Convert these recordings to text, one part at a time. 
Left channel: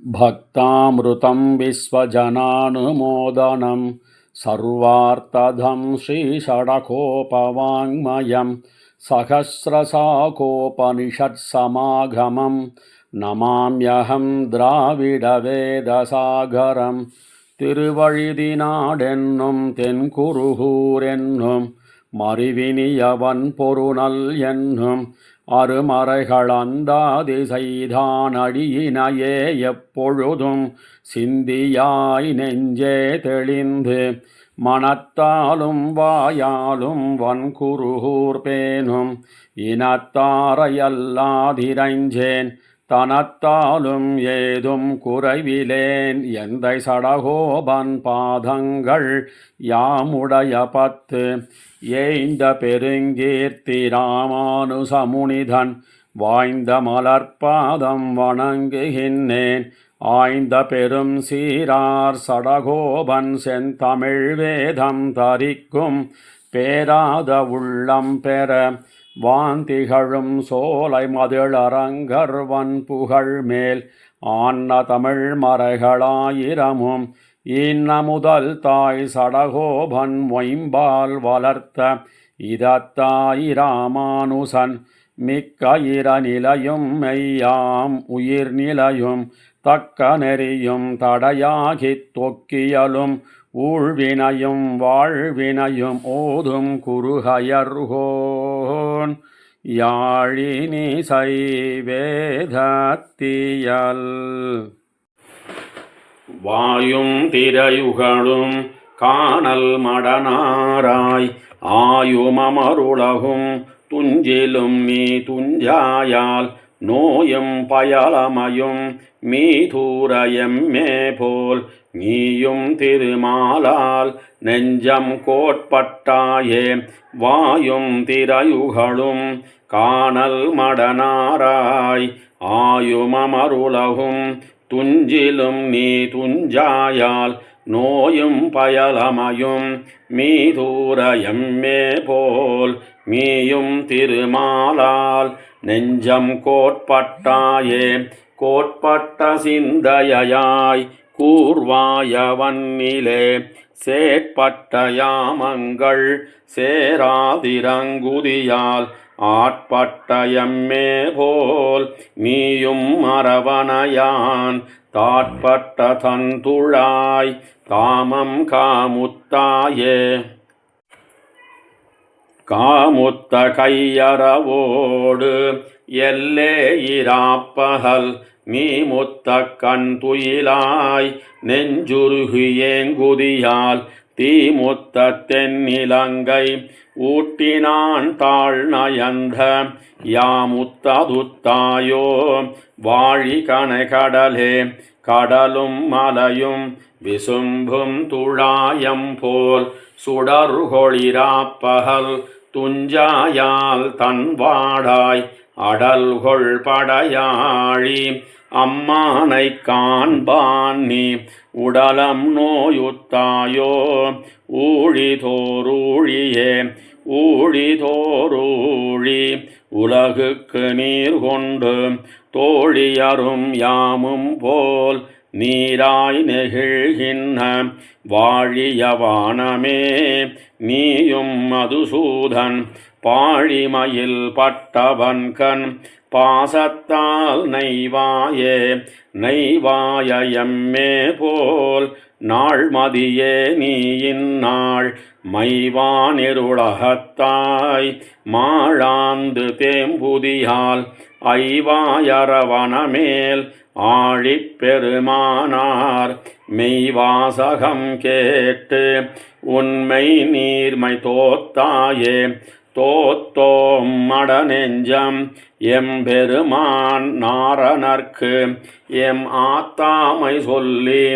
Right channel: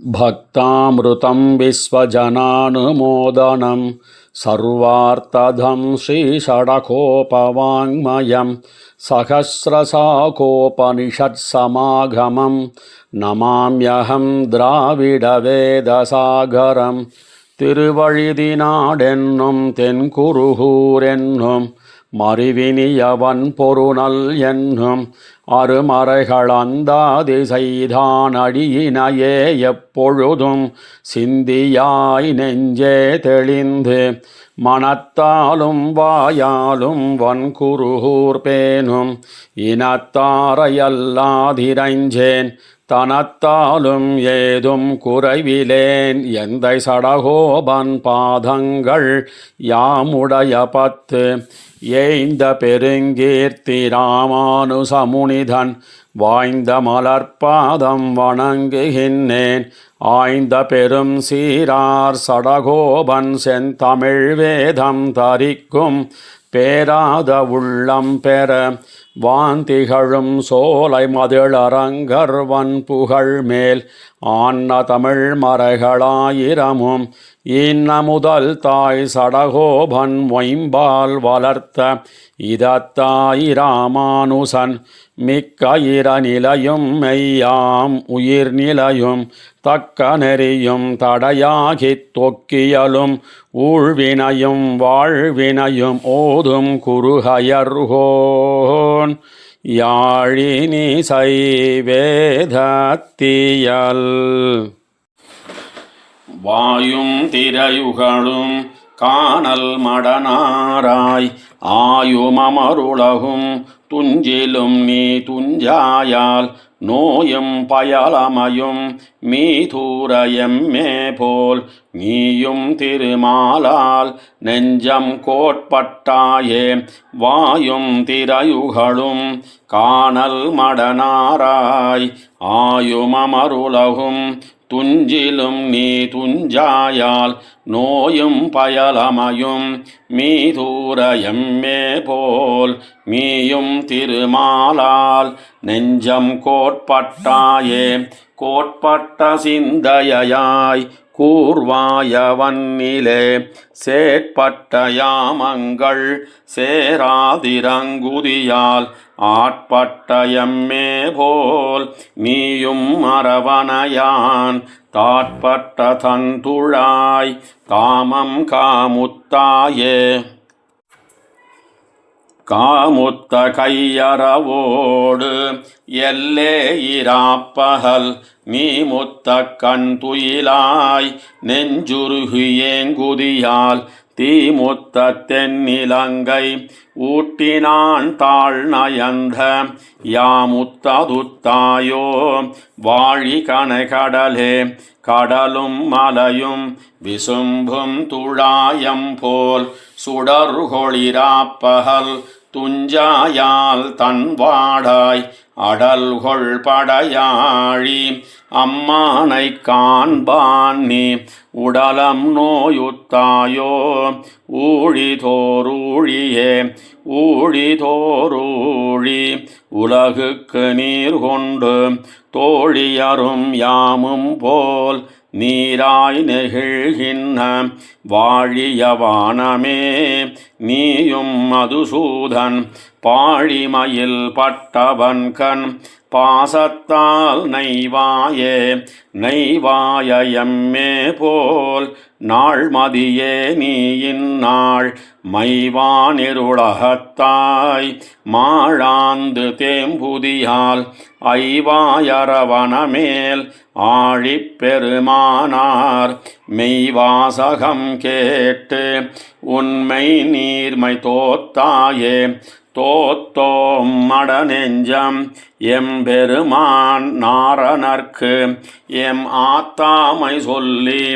भक्तामृतं विश्वजनानुमोदनं सर्वार्थदं श्रीषडकोपवाङ्मयं सहस्रशाकोपनिषत्समागमं नमाम्यहं द्राविडवेदसागरं திருவழிதினாடென்னும் தென்குருகூர் என்னும் மறிவினியவன் பொருநல் என்னும் அருமறைகள் அந்தாதி செய்தான் அடியினையே எப்பொழுதும் சிந்தியாய் நெஞ்சே தெளிந்து மனத்தாலும் வாயாலும் வன்குருகூர் பேணும் இனத்தாரையல்லாதிரைஞ்சேன் தனத்தாலும் ஏதும் குறைவிலேன் எந்தை சடகோபன் பாதங்கள் யாமுடைய பத்து ஏய்ந்த பெருங்கீர்த்தி ராமானுசமுனிதன் வாய்ந்த மலர்பாதம் வணங்குகின்றேன் ஆய்ந்த பெரும் சீரார் சடகோபன் செந்தமிழ் வேதம் தரிக்கும் பேராத உள்ளம் பெற வாந்திகழும் சோலை மதிளரங்கர்வன் புகழ் மேல் ஆன்ன தமிழ் மறைகளாயிரமும் இன்ன முதல் தாய் சடகோபன் மொயம்பால் வளர்த்த இதத்தாய் ராமானுசன் மிக்க நிலையும் மெய்யாம் உயிர் நிலையும் தக்க நெறியும் தடையாகித் தொக்கியலும் ஊழ்வினையும் வாழ்வினையும் ஓதும் குருகயர்கோன் யாழினிசை வேதத்தியல் வாயும் திரையுகளும் காணல் மடனாராய் ஆயுமமருளகும் துஞ்சிலும் நீ துஞ்சாயால் நோயும் பயலமையும் மீதூரயம்மே போல் நீயும் திருமாலால் நெஞ்சம் கோட்பட்டாயே வாயும் திரையுகளும் காணல் மடனாராய் ஆயுமமருளகும் துஞ்சிலும் நீ துஞ்சாயால் நோயும் பயலமையும் மீதூரயம்மே போல் நீயும் திருமாலால் நெஞ்சம் கோட்பட்டாயே கோட்பட்ட சிந்தையாய் கூர்வாயவன்னிலே சேட்பட்ட யாமங்கள் சேராதிரங்குதியால் ஆட்பட்ட எம்மே போல் நீயும் மரவணையான் தாட்பட்ட தந்துழாய் காமம் காமுத்தாயே காமுத்த கையறவோடு எல்லே இராப்பகல் நீ முத்த கண் துயிலாய் நெஞ்சுருகியேங்குதியால் தீமுத்த தென்னிலங்கை ஊட்டினான் தாழ் நயந்த யாமுத்ததுத்தாயோ வாழி கணகடலே கடலும் மலையும் விசும்பும் துழாயம் போல் சுடர்கொளிராப்பகல் துஞ்சாயால் தன்வாடாய் அடல்கொள் படையாழி அம்மானை காண்பான் நீ உடலம் நோயுத்தாயோ ஊழிதோரூழியே ஊழிதோரூழி உலகுக்கு நீர் கொண்டு தோழியரும் யாமும் போல் நீராய் நெகிழ்கின்ற வாழியவானமே நீயும் மதுசூதன் பாழிமயில் பட்டவன் கண் பாசத்தால் நெய்வாயே நெய்வாயம்மே போல் நாள்மதியே நீ இந்நாள் மைவானிருளகத்தாய் மாழாந்து தேம்புதியால் ஐவாயரவனமேல் ஆழிப்பெருமானார் மெய்வாசகம் கேட்டு உண்மை நீர்மை தோத்தாயே தோத்தோம் மடநெஞ்சம் எம்பெருமான் நாரணர்க்கு எம் ஆத்தாமை சொல்லி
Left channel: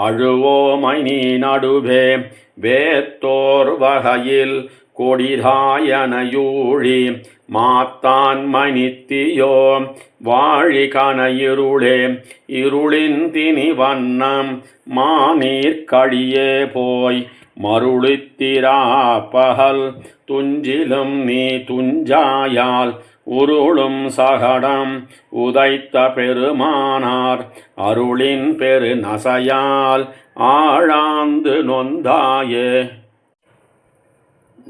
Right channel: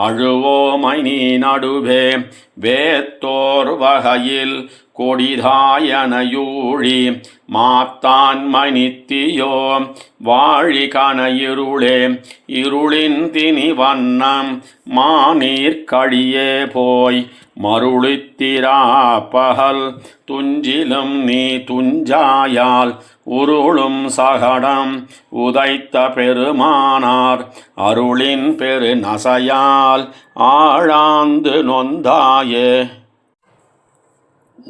அழுவோமை நீ நடுவே வேத்தோர் வகையில் கொடிதாயனையூழி மாத்தான் மணித்தியோ வாழி கனையிருளே இருளின் தினி வண்ணம் மாநீர் கழியே போய் மருளித்திரா பகல் துஞ்சிலும் நீ துஞ்சாயால் உருளும் சகடம் உதைத்த பெருமானார் அருளின் பெரு நசையால் ஆழாந்து நொந்தாயே.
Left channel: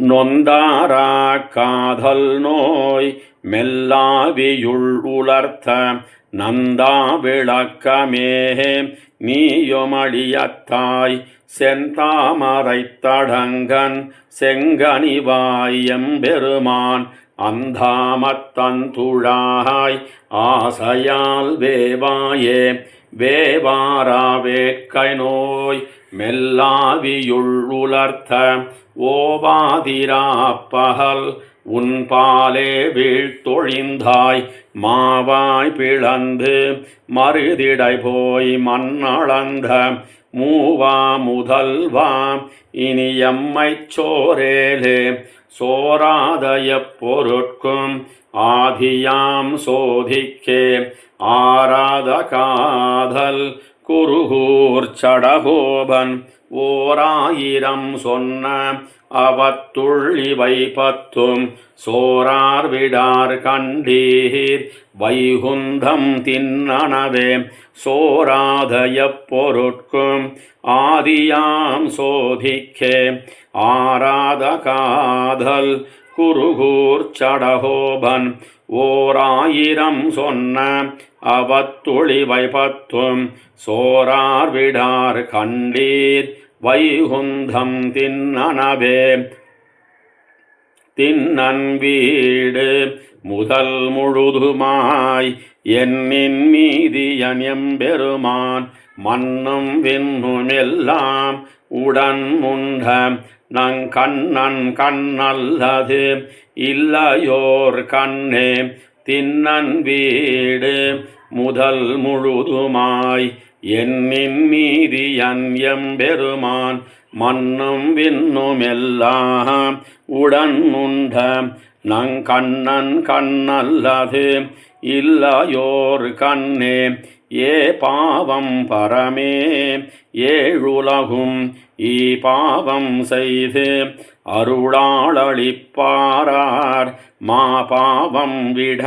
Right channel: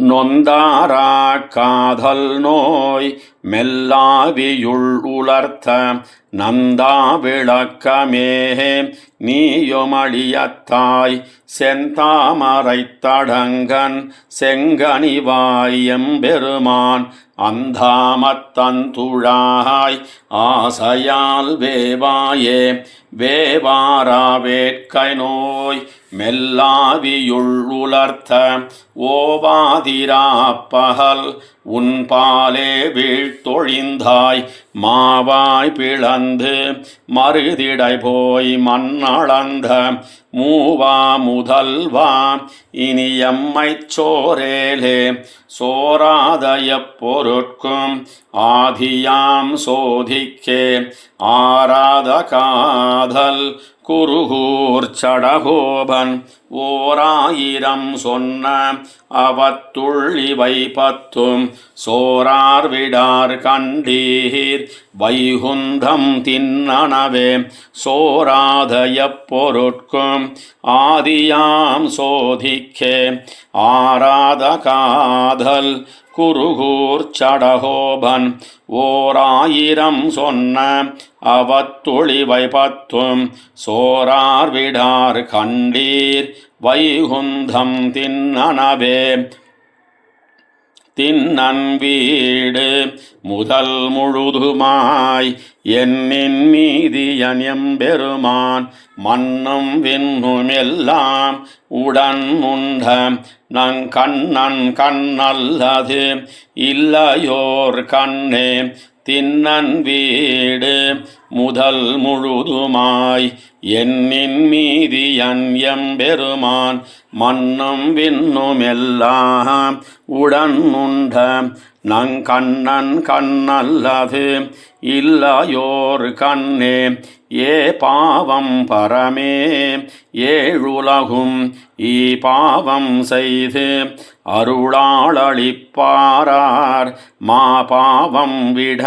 நொந்தாரா காதல் நோய் மெல்லாவியுள் உலர்த்த நந்தா விளக்கமேஹே நீயுமடியத்தாய் செந்தாமரைத் தடங்கன் செங்கனிவாய் எம்பெருமான் அந்தாமத்தந்துழாய் ஆசையால் வேவாயே. வேவாரா வேட்கை நோய் மெல்லாவியுள் உலர்த்த ஓவாதிராப்பகல் உன்பாலே வீழ்த்தொழிந்தாய் மாவாய் பிளந்து மறுதிடை போய் மண்ணளந்த மூவா முதல்வா இனி எம்மைச் சோரேலே. சோராதய பொருட்கும் ஆதியாம் சோதிக்கே ஆராத காதல் குருகூர் சடகோபன் ஓராயிரம் சொன்ன அவத்துள் இவை பத்தும் சோரார் விடார் கண்டீர் வைகுந்தம் தின்னனவே. சோராதய பொருட்கும் ஆதியாம் சோதிக்கே ஆராத காதல் குருகூர் சடகோபன் ஓராயிரம் சொன்ன அவத்துளிவை பத்தும் சோரார் விடார் கண்டீர் வைகுந்தம் தின்னனவே. தின்னன் வீடு முதல் முழுதுமாய் என்னின் மீதியன் எம்பெருமான் மன்னும் விண்ணும் எல்லாம் உடன் உண்ட நங் கண்ணன் கண்ணல்லது இல்லையோர் கண்ணே. தின்னன் வீடு முதல் முழுதுமாய் என்னின் மீதியன் எம்பெருமான் மன்னும் விண்ணும் எல்லாம் உடன் உண்ட நங் கண்ணன் கண்ணல்லது இல்லையோர் கண்ணே. ஏ பாவம் பரமே ஏழுலகும் ஈ பாவம் செய்து அருளாளளிப்பாரார் மா பாவம் விட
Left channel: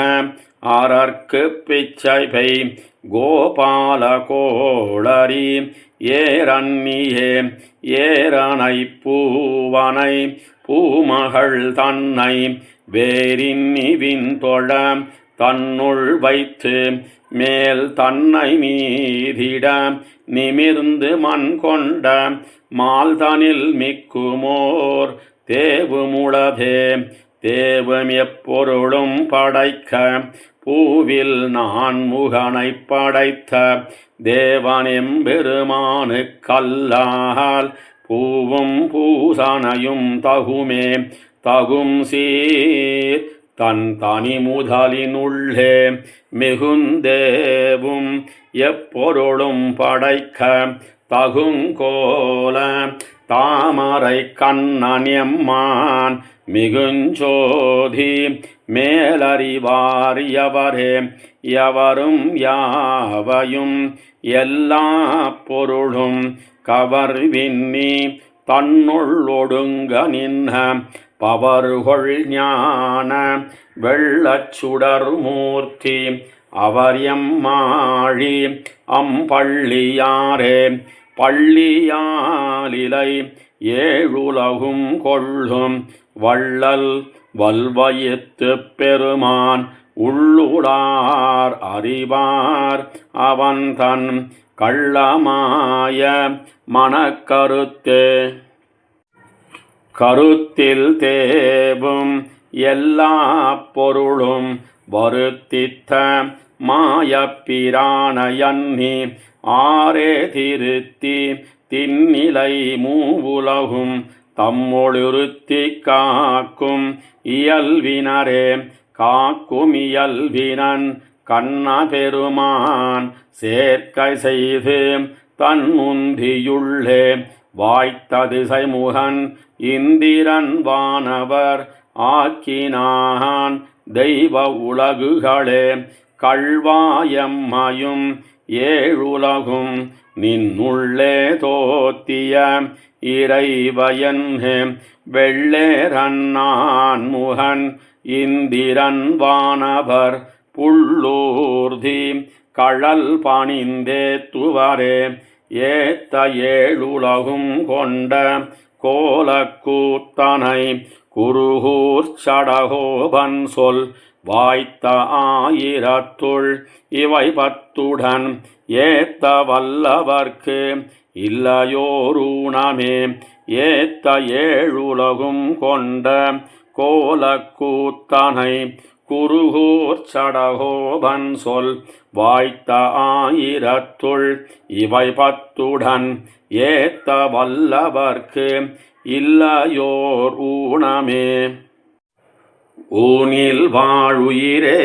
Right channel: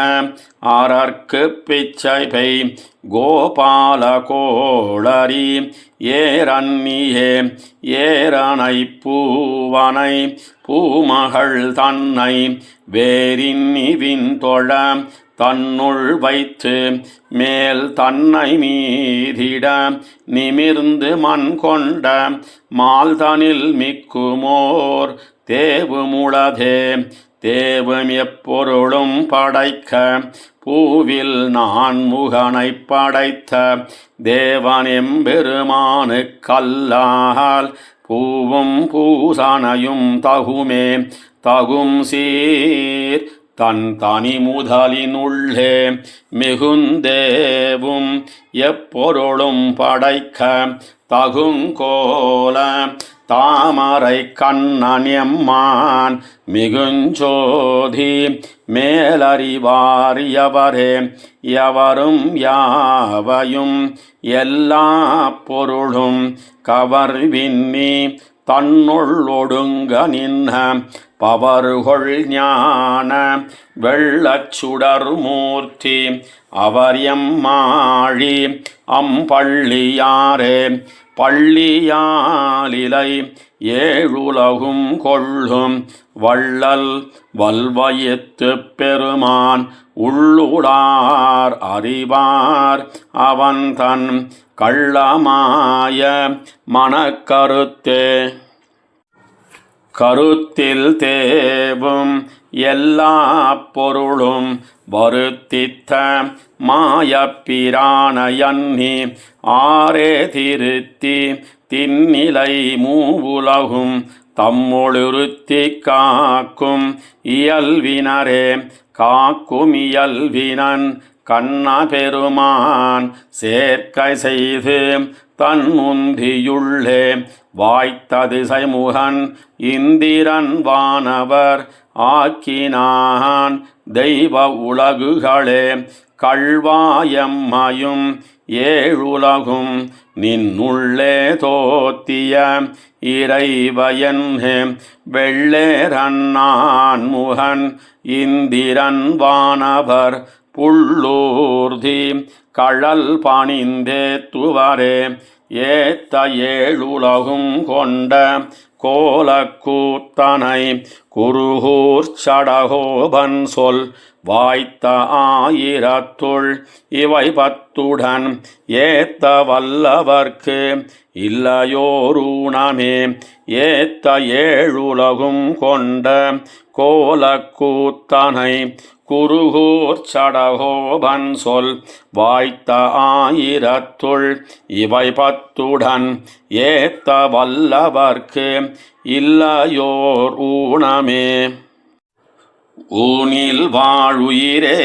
அரற்கு பிச்சை பெய் கோபால கோளரி ஏரன்னியே. ஏரனை பூவனை பூமகள் தன்னை வேரின்னிவின் தொழ தன்னுள் வைத்து மேல் தன்னை மீதிட நிமிர்ந்து மண் கொண்ட மால்தனில் மிக்குமோர் தேவுமுளதே. தேவம் எப்பொருளும் படைக்க பூவில் நான் முகனை படைத்த தேவனெம்பெருமானுக்கல்லால் பூவும் பூசனையும் தகுமே. தகும் சீர் தன் தனி முதலினுள்ளே மிகுந்தேவும் எப்பொருளும் படைக்க தகுங்கோல தாமரை கண்ணன் எம்மான் மிகுஞ்சோதி மேலறிவார் எவரே. எவரும் யாவையும் எல்லா பொருளும் கவர்வின்னி தன்னுள் ஒடுங்க நின்ன பவர்கொள் ஞான வெள்ளச்சுடர் மூர்த்தி அவர் எம்மாழி அம்பள்ளியாரே. பள்ளியாலிலை ஏழுலகும் கொள்ளும் வள்ளல் வல்வயத்து பெருமான் உள்ளுடார் அறிவார் அவன் தன் கள்ளமாய மனக்கருத்தே. கருத்தில் தேவும் எல்லா பொருளும் வருத்தித்த மாயப்பிரானையன்னி ஆரே திருத்தி தின்னிலை மூவுலகும் தம்மொழுருத்தி காக்கும் இயல்வினரே. காக்கும் இயல்வினன் கண்ண பெருமான் சேர்க்கை செய்து தன் முந்தியுள்ளே வாய்த்ததிசை முகன் இந்திரன் வானவர் ஆக்கினான் தெய்வ உலகுகளே. கள்வாயம்மையும் ஏழுலகும் நின்னுள்ளே தோத்திய இறைவயன் வெள்ளேரன்னான் முகன் இந்திரன் வானவர் புள்ளூர்தி கழல் பணிந்தேத்துவரே ஏத்த ஏழுலகும் கொண்ட கோலக்கூத்தனை குருகூர் சடகோபன் சொல் வாய்த்த ஆயிரத்துள் இவை பத்துடன் ஏத்த வல்லவர்க்கு இல்லையோரூணமே ஏத்த ஏழுலகும் கொண்ட கோலக்கூத்தனை குருகூர் சடகோபன் சொல் வாய்த்த ஆயிரத்துள் இவை பத்துடன் ஏத்த வல்லவர்க்கு இல்லையோர் ஊனமே. ஊனில் வாழுயிரே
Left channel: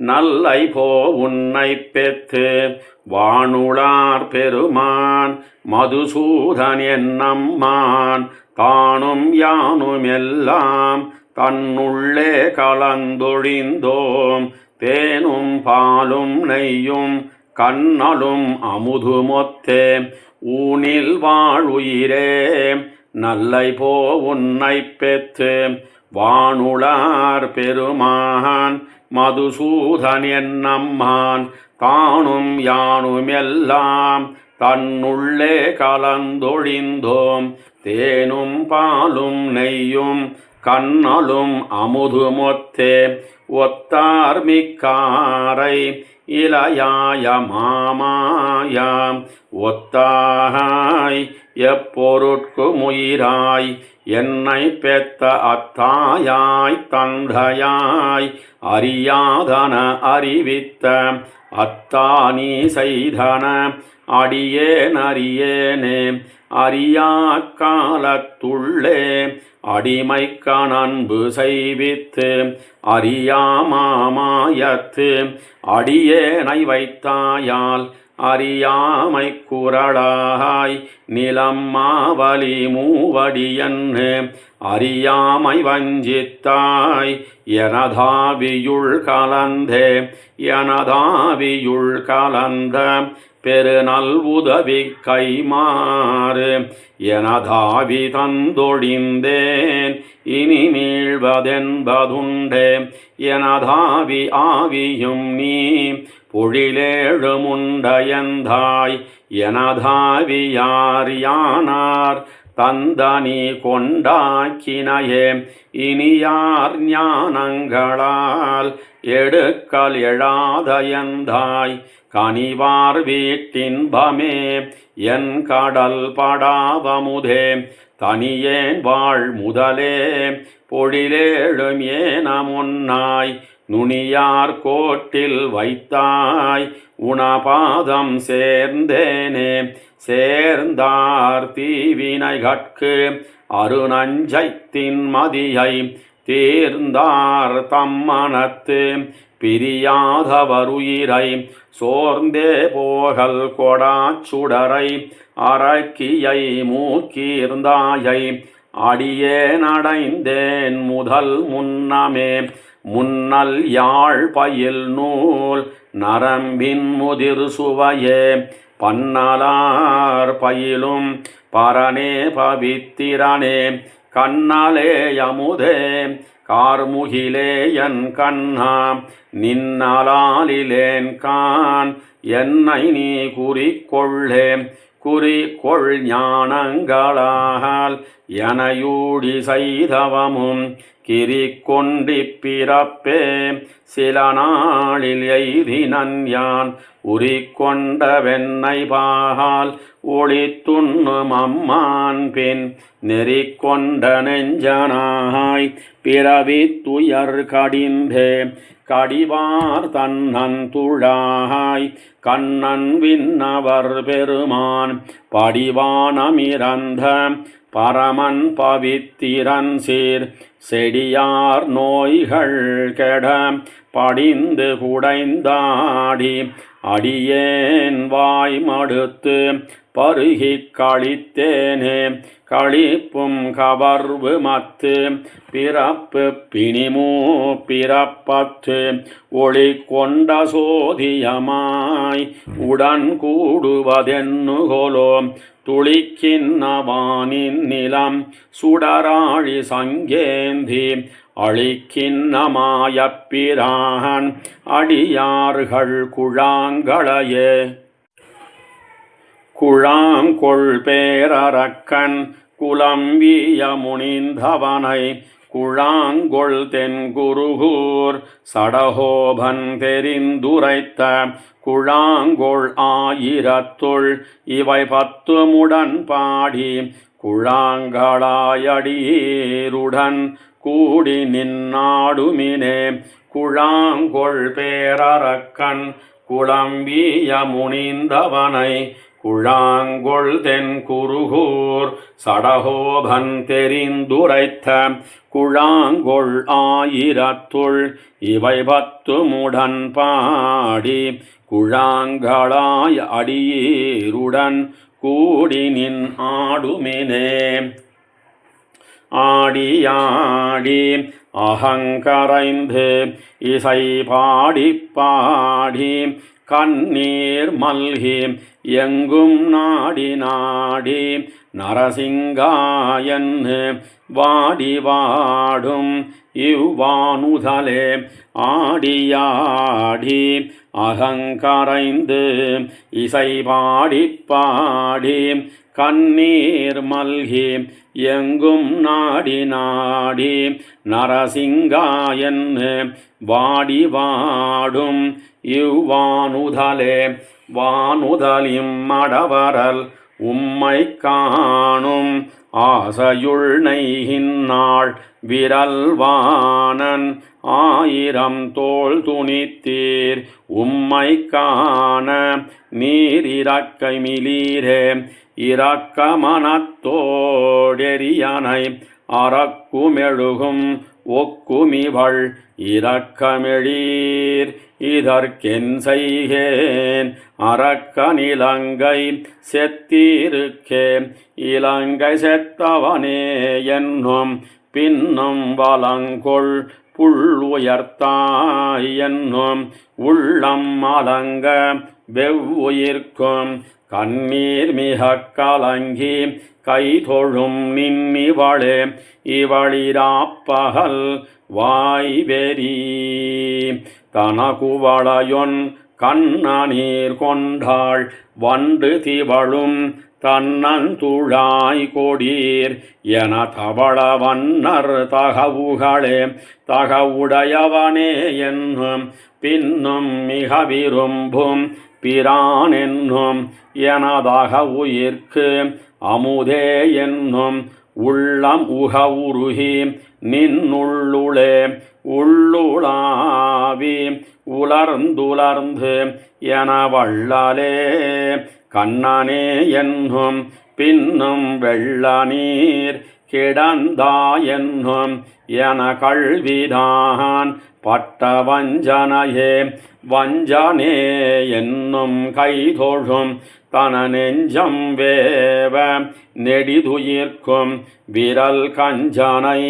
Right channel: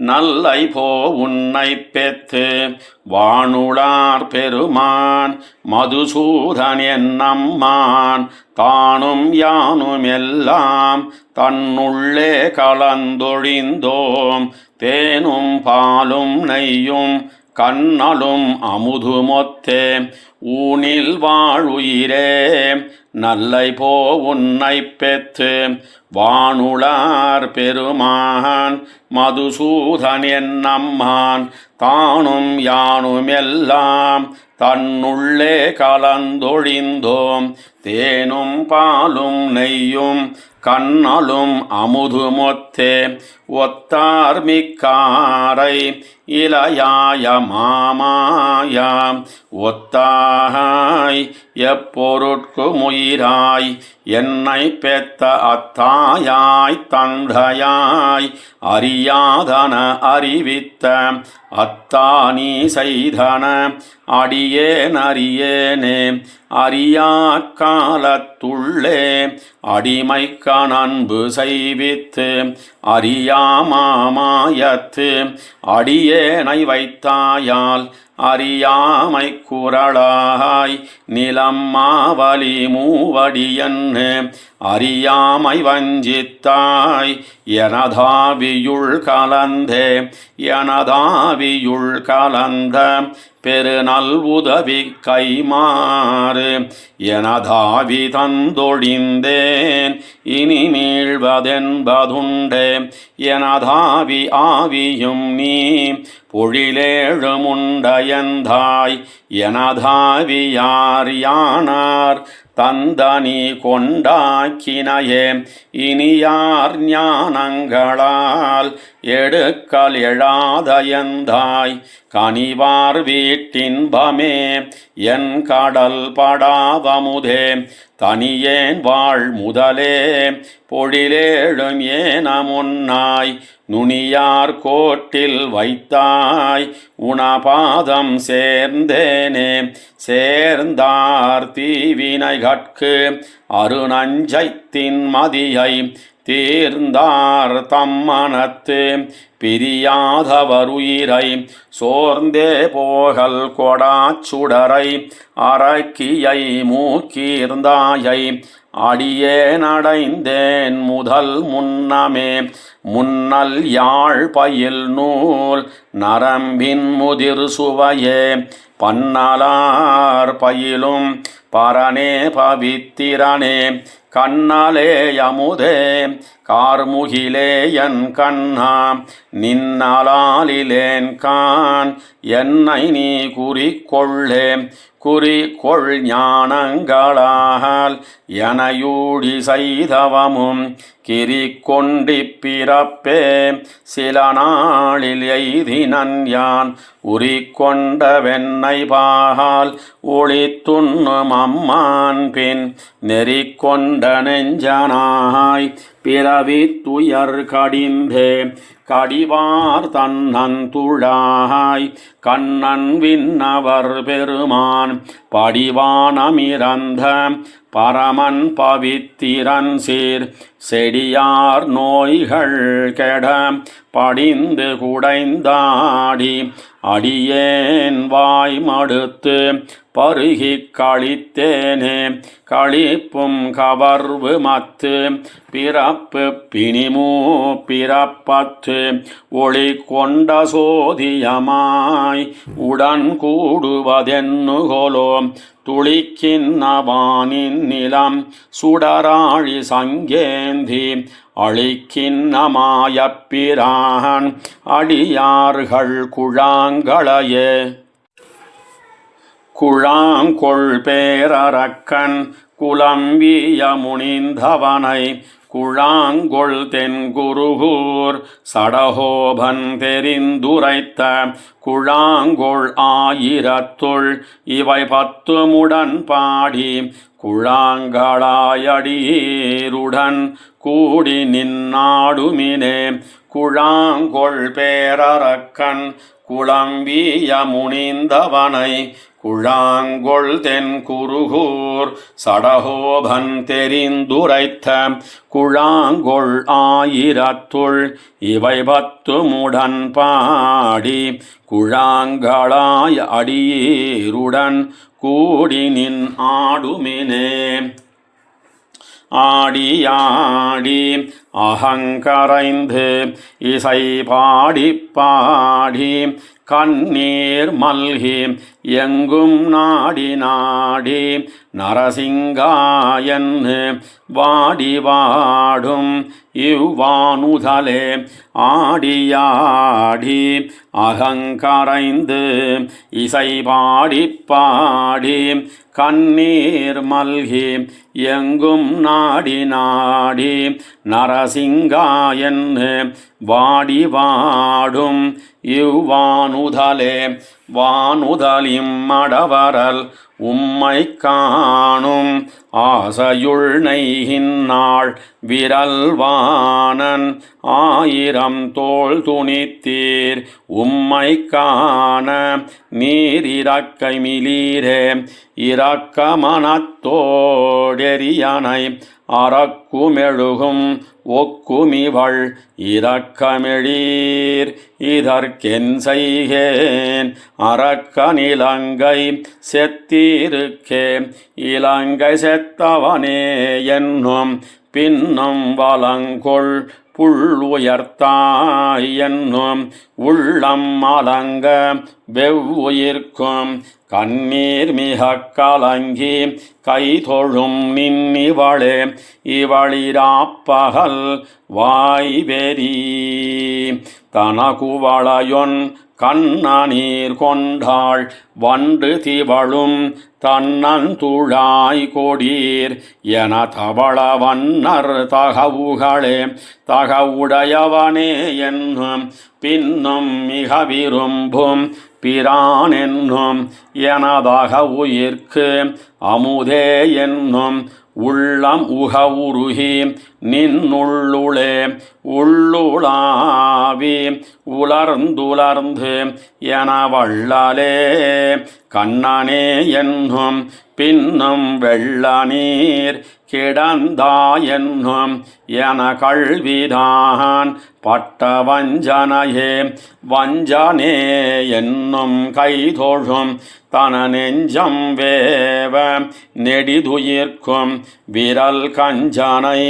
நல்லை போ உன்னை பெத்து வானுளார் பெருமான் மதுசூதன் என்னம்மான் தானும் யானும் எல்லாம் தன்னுள்ளே கலந்தொழிந்தோம் தேனும் பாலும் நெய்யும் கண்ணலும் அமுதுமொத்தே ஊனில் வாழுயிரே நல்லை போ உன்னை பெற்று வானுளார் பெருமான் மதுசூதன் என்னம்மான் தானும் யானும் எல்லாம் தன்னுள்ளே கலந்தொழிந்தோம் தேனும் பாலும் நெய்யும் கண்ணலும் அமுதுமொத்தே ஒத்தார் மிக்காரை இளையாய மாமாயாம் ஒத்தாய் எப்பொருட்குமுயிராய் என்னை பெத்த அத்தாயாய் தந்தையாய் அறியாதன அறிவித்த அத்தானி செய்தன அடியேன் அறியேனே அறியா காலத்துள்ளே அடிமைக்க நண்பு செய்வித்து அறியாமாயத்து அடியேனை வைத்தாயால் அறியாமை குரலாய் நிலம் மாவலி மூவடியன்னு அறியாமை வஞ்சித்தாய் எனதாவியுள் கலந்தே எனதாவியுள் கலந்த பெருநல் உதவி கைமாறு எனதாவி தந்தொழிந்தேன் இனி மீழ்வதென்பதுண்டே எனதாவி ஆவியும் நீ பொழிலேழு முண்டயந்தாய் எனதாவி யார் யானார் தந்தனி கொண்டாக்கினையே இனியார் ஞானங்களால் எடுக்கல் எழாதயந்தாய் கனிவார் வீட்டின்பமே என் கடல் படாவமுதே தனியேன் வாழ் முதலே பொழிலேழும் ஏனமுன்னாய் நுனியார் கோட்டில் வைத்தாய் உணபாதம் சேர்ந்தேனே சேர்ந்தார் தீவினை கட்கு அருணஞ்சைத்தின் மதியை தீர்ந்தார் தம்மனத்து பிரியாதவருயிரை சோர்ந்தே போகல் கொடாச்சுடரை அரக்கியை மூக்கீர்ந்தாயை அடியே நடைந்தேன் முதல் முன்னமே முன்னல் யாழ் பயில் நூல் நரம்பின் முதிர் சுவையே பன்னலார் பயிலும் பரனே பவித்திரனே கண்ணலே யமுதே கார்முகிலே என் கண்ணா நின்னலாலிலேன் கான் என்னை நீ குறிக்கொள்ளே குறிக்கொள் ஞானங்களால் எனையூடி செய்தவமும் கிரிக்கொண்டி பிறப்பே சில நாளில் எய்தினன் யான் உரிக்கொண்ட வெண்ணை பாகால் ஒளித்துண்ணும் அம்மான் பின் நெறிக்கொண்ட நெஞ்சனாய் பிறவி துயர் கடிந்தே கடிவார் தன்னந்துழாய் கண்ணன் விண்ணவர் பெருமான் படிவானமிரந்த பரமன் பவித்திரன் சீர் செடியார் நோய்கள் கெட படிந்து குடைந்தாடி அடியேன் வாய் மடுத்து பருகி கழித்தேனே களிப்பும் கவர்வு மத்து பிறப்பு பிணிமூ பிறப்பத்து ஒளி கொண்ட சோதியமாய் உடன் கூடுவதென்னுகொலோ துளிக்கின்னவானின் நிலம் சுடராழி சங்கேந்தி அழிக்கின்னமாயப்பிரான் அடியார்கள் குழாங்களையே குழாங்கொள் பேரரக்கன் குலம்பிய முனிந்தவனை குழாங்கொள் தென்குருகூர் சடகோபன் தெரிந்துரைத்த குழாங்கொள் ஆயிரத்துள் இவை 10 பாடி குழாங்களாயடியேருடன் கூடி நின்னாடுமினே குழாங்கொள் பேரரக்கன் குலம்பிய முனிந்தவனை குழாங்கொள் தென்குருகூர் சடகோபன் தெரிந்துரைத்த குழாங்கொள் ஆயிரத்துள் இவை 10 பாடி குழாங்களாய் அடியேருடன் கூடி நின் ஆடுமினே ஆடியாடி அகங்கரைந்து இசை பாடி பாடி கண்ணீர் மல்கி எங்கும் நாடி நாடி நரசிங்காயன்னு வாடி வாடும் இவ்வானுதலே ஆடியாடி அகங்கரைந்து இசை பாடி பாடி கண்ணீர் மல்கி எங்கும் நாடி நாடி நரசிங்காயன்னு வாடி வாடும் இவ்வானுதலே வானுதலிம் மடவரல் உம்மை காணும் ஆசையுள் நெய்கின்னாள் விரல்வானன் 1000 தோள் துணித்தீர் உம்மை காண நீர் இரக்கை மிலீரே இரக்க மனத்தோடெரியனை அறக்குமெழுகும் ஒக்குமிவள் இரக்கமெழீர் இதற்கென் செய்கேன் அரக்க நிலங்கை செத்தீருக்கே இலங்கை செத்தவனே என்னும் பின்னும் வலங்கொள் புள்ளுயர்த்தாய் என்னும் உள்ளம் அலங்க வெவ்வுயிர்க்கும் கண்ணீர் மிக கலங்கி கைதொழும் நின்னிவளே இவளிராப்பகல் வாய்வெறி தனகுவளையொன் கண்ணநீர் கொண்டாள் வண்டு திவளும் தன்னந்துழாய் கொடீர் என தவள வண்ணர் தகவுகளே தகவுடையவனே என்னும் பின்னும் மிக விரும்பும் பிரான் என்னும் எனதக உயிர்க்கு அமுதே என்னும் உள்ளம் உருகி நின்னுள்ளுளே உள்ளுளாவி உலர்ந்துலர்ந்து என வள்ளலே கண்ணனே என்னும் பின்னும் வெள்ள நீர் கிடந்தா என்னும் என கல்விதான் பட்ட வஞ்சனையே வஞ்சனே என்னும் கைதொழும் தன நெஞ்சம் வேவ நெடிதுயிர்க்கும் விரல் கஞ்சனை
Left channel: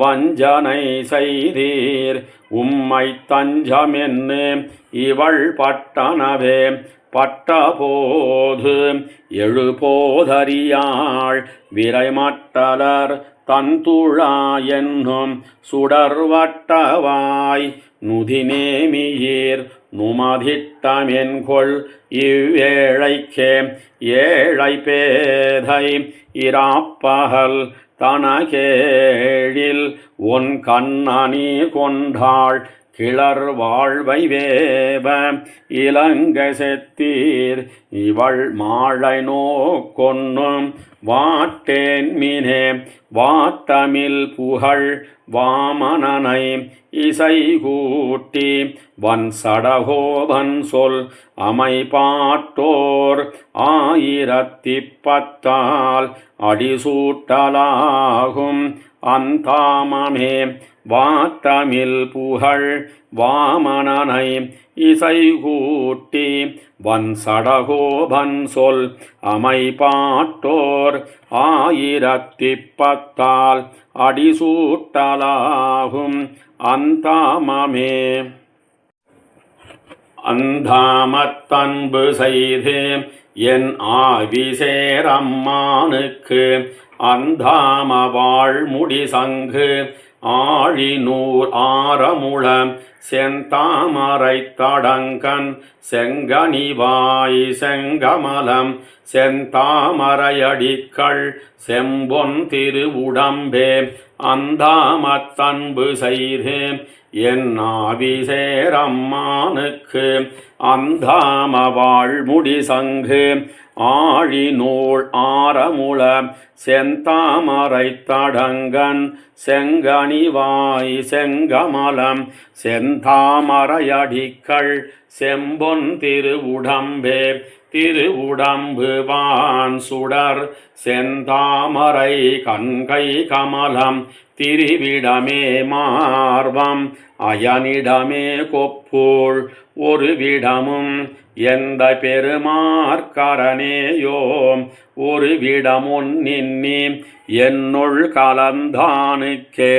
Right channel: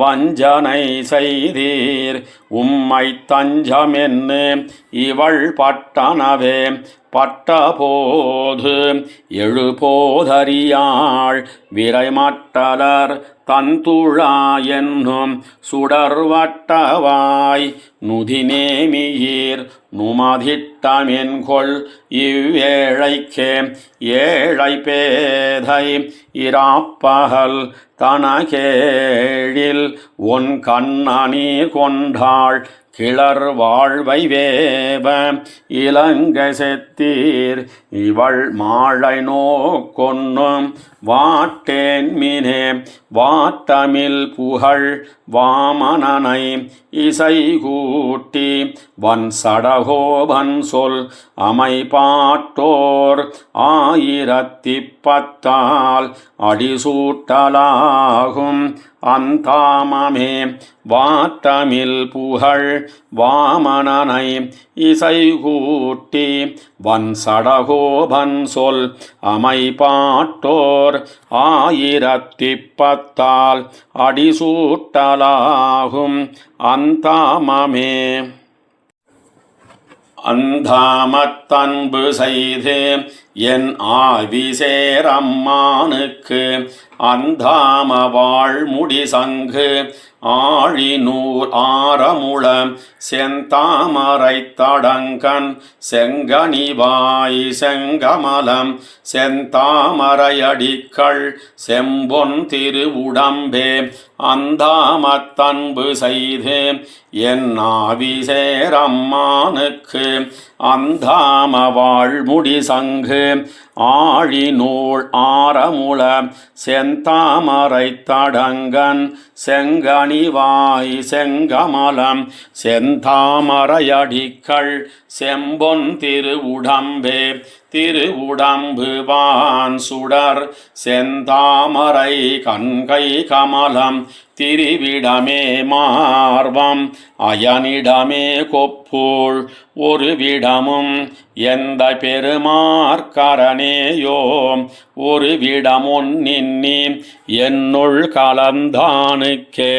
வஞ்சனை செய்தீர் உம்மை தஞ்சமென்னு இவள் பட்டனவே பட்டபோது எழுபோதறியாள் விரைமட்டலர் தந்துழா என்னும் சுடர்வட்டவாய் நுதிநேமியீர் நுமதிட்டமென்கொள் இவ்வேழைக்கே ஏழை பேதை இராப்பகல் தனகேழில் ஒன் கண்ணனி கொண்டாள் கிளர் வாழ்வை வேவ இலங்கை செத்தீர் இவள் மாழை நோக்கொன்னும் வாட்டேன் மினே வாட்டமில் புகழ் வாமனனை இசை கூட்டி வன் சடகோபன் சொல் அமைபாட்டோர் 1010 அடிசூட்டலாகும் அந்தாமமே வாத்தமில் புகழ் வாமனனை இசைகூட்டி வன்சடகோபன் சொல் அமைபாட்டோர் 1010 அடிசூட்டலாகும் அந்தாமமே. அந்தாமத்தன்பு செய்து என் ஆவிசேரம்மானுக்கு அந்தாம வாழ்முடி சங்கு ஆழிநூர் ஆரமுள செந்தாமரை தடங்கன் செங்கனிவாய் செங்கமலம் செந்தாமரையடிக்கள் செம்பொன் திருவுடம்பே அந்தாமத்தன்பு செய்து என் ஆவிசேரம்மானுக்கு அந்தாம வாழ்முடி சங்கு ஆழிநூல் ஆரமுள செந்தாமரை தடங்கன் செங்கனிவாய் செங்கமலம் செந்தாமரையடிக்கள் செம்பொன் திருவுடம்பே திருவுடம்பு வான் சுடர் செந்தாமரை கண்கை கமலம் திரிவிடமே மார்பம் அயனிடமே கொப்பூள் ஒரு விடமும் எந்த பெருமார்கரனேயோம் ஒரு விடமொன்னின்னி என்னுள் கலந்தானுக்கே.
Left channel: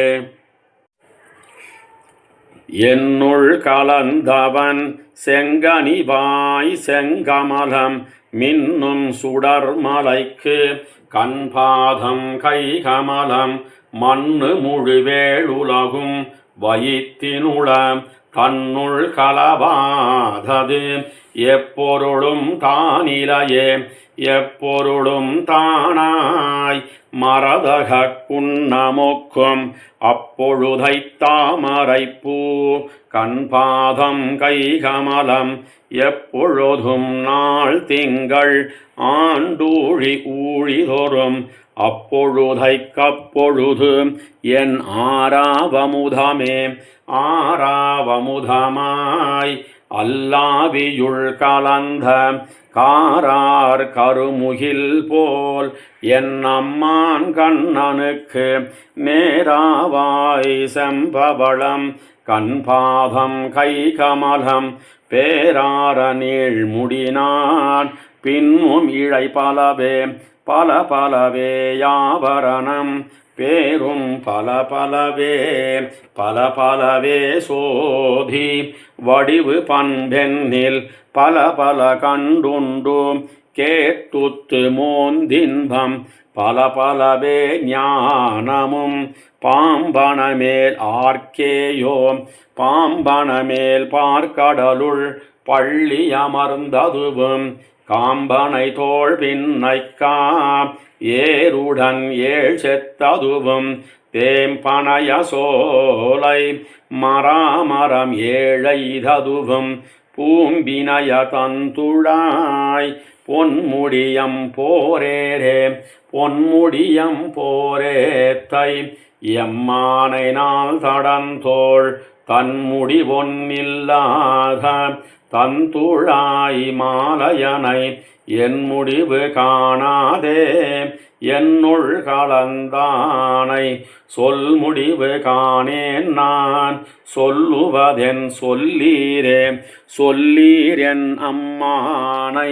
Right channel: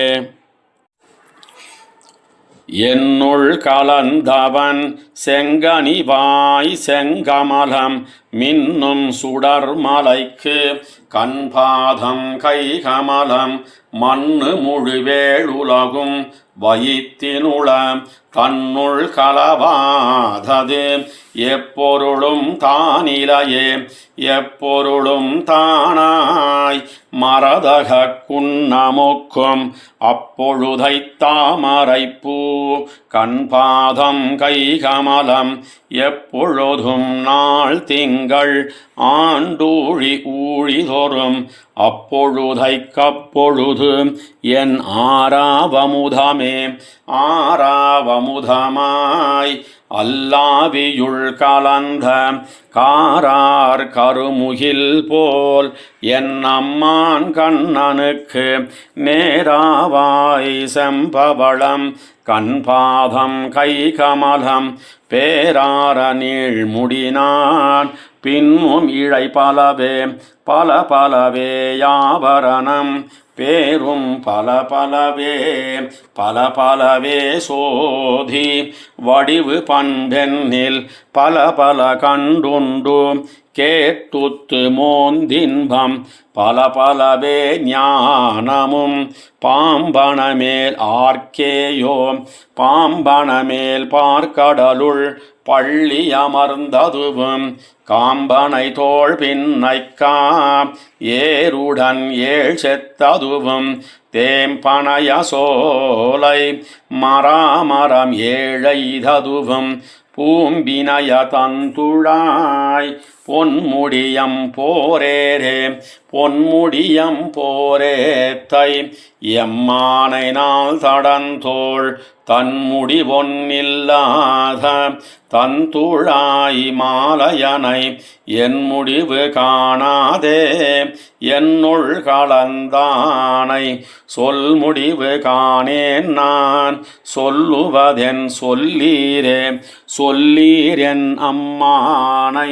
என்னுள் கலந்தவன் செங்கனிவாய் செங்கமலம் மின்னும் சுடர்மலைக்கு கண்பாதம் கைகமலம் மண்ணு முழுவேளுலகும் வயிற்றினுள தன்னுள் கலவாதது எப்பொருளும் தானிலையே எப்பொருளும் தானாய் மரதக குன்னமொக்கும் அப்பொழுதை தாமரைப்பூ கண்பாதம் கைகமலம் எப்பொழுதும் நாள் திங்கள் ஆண்டூழி ஊழிதொறும் அப்பொழுதைக்கப்பொழுது என் ஆராவமுதமே ஆராவமுதமாய் அல்லாவியுள் கலந்த காரார் கருமுகில் போல் என் அம்மான் கண்ணனுக்கு நேராவாய் செம்பவளம் கண்பாதம் கைகமலம் பேரார நீழ்முடினான் பின்னும் இழை பலவே பல பலவே யாபரணம் பேரும் பல பலவே பல பலவே சோதி வடிவு பண்பெண்ணில் பல பல கண்டுண்டு கேட்டுத்து மோந்தின்பம் பல பலவே ஞானமும் பாம்பனமேல் ஆர்க்கேயோ பாம்பனமேல் பார்க்கடலுள் பள்ளி அமர்ந்ததுவும் காம்பனை தோள் பின்னைக்கா ஏருடன் ஏழ் செத்ததுவும் தேம்பனைய சோலை மராமரம் ஏழைததுவும் பூம்பினய தந்துழாய் பொன்முடியம் போரேரே பொன்முடியம் போரேத்தை எம்மானை நாள் தடந்தோள் தன்முடி பொன்னில்லாத தந்துழாய் மாலையனை என் முடிவு காணாதே என்னுள் கலந்தானை சொல் முடிவு காணேன் நான் சொல்லுவதென் சொல்லீரே சொல்லீரென் அம்மானை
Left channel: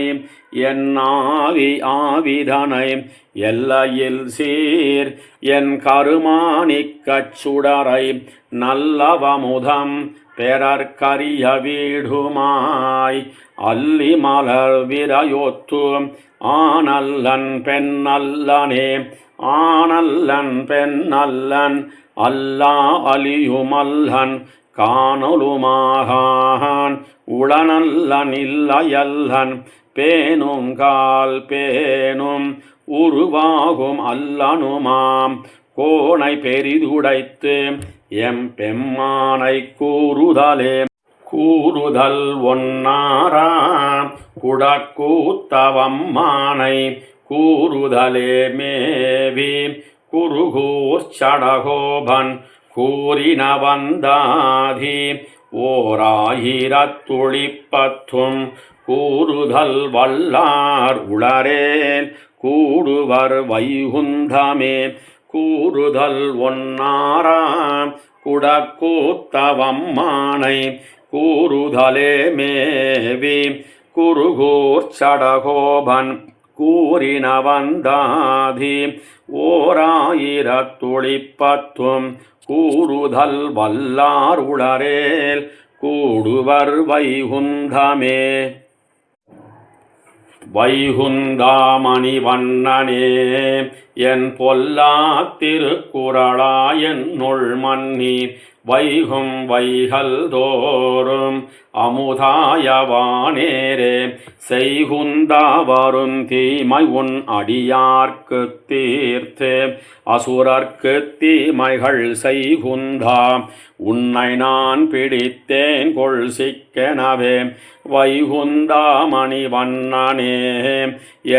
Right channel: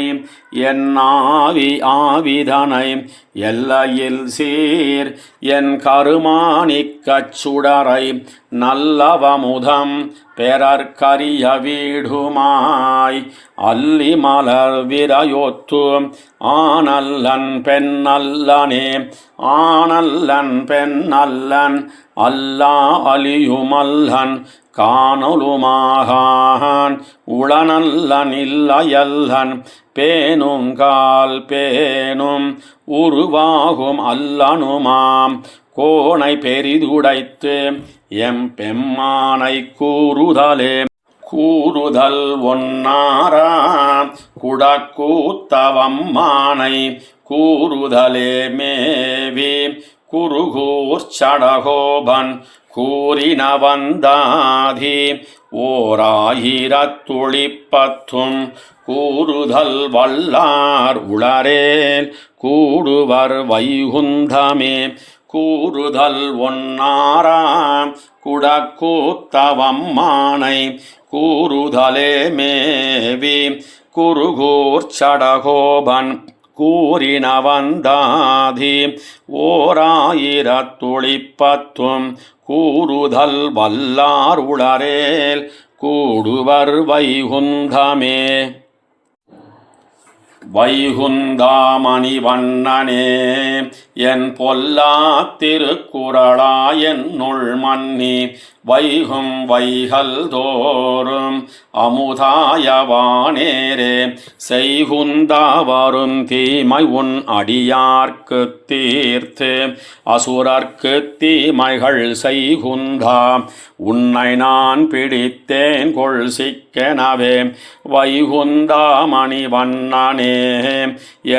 என் ஆவி ஆவிதனை எல்லையில் சீர் என் கருமாணிக்கச் சுடரை நல்லவமுதம் பெறற்கரிய வீடுமாய் அல்லி மலர் விரையொத்து ஆனல்லன் பெண்ணல்லனே ஆனல்லன் பெண்ணல்லன் அல்லா அலியுமல்லன் காணொலுமாகான் உளனல்லன் இல்லையல்லன் பேணுங்கால் பேணும் உருவாகும் அல்லனுமாம் கோணை பெரிதுடைத்து எம் பெம்மானை கூறுதலே கூறுதல் ஒன்னாரா குடக்கூத்தவம்மானை கூறுதலே மேவி குருகூர் சடகோபன் கூறின வந்தாதி 1010 கூறுதல் வல்லார் உளரேல் கூடுவர் வைகுந்தமே கூறுதல் ஒன்னாராம் குடக்கூத்தவம்மானை கூறுதலே மேவி குருகூர் சடகோபன் கூறினவந்தாதி ஓராயிரத்துளிப்பத்தும் கூறுதல் வல்லார் உளரேல் கூடுவர் வைகுந்தமே. வைகுந்தாமணி வண்ணனே என் பொல்லா திருக்குறளாயன்னுள் மன்னி வைகும் வைகல் தோறும் அமுதாயவானேரே செய்குந்தா வரும் தீமை உன் அடியார்க்கு தீர்த்து அசுரர்க்கு தீமைகள் செய்குந்தா உன்னை நான் பிடித்தேன் கொள் சிக்கெனவே. வைகுந்தாமணி வண்ணனே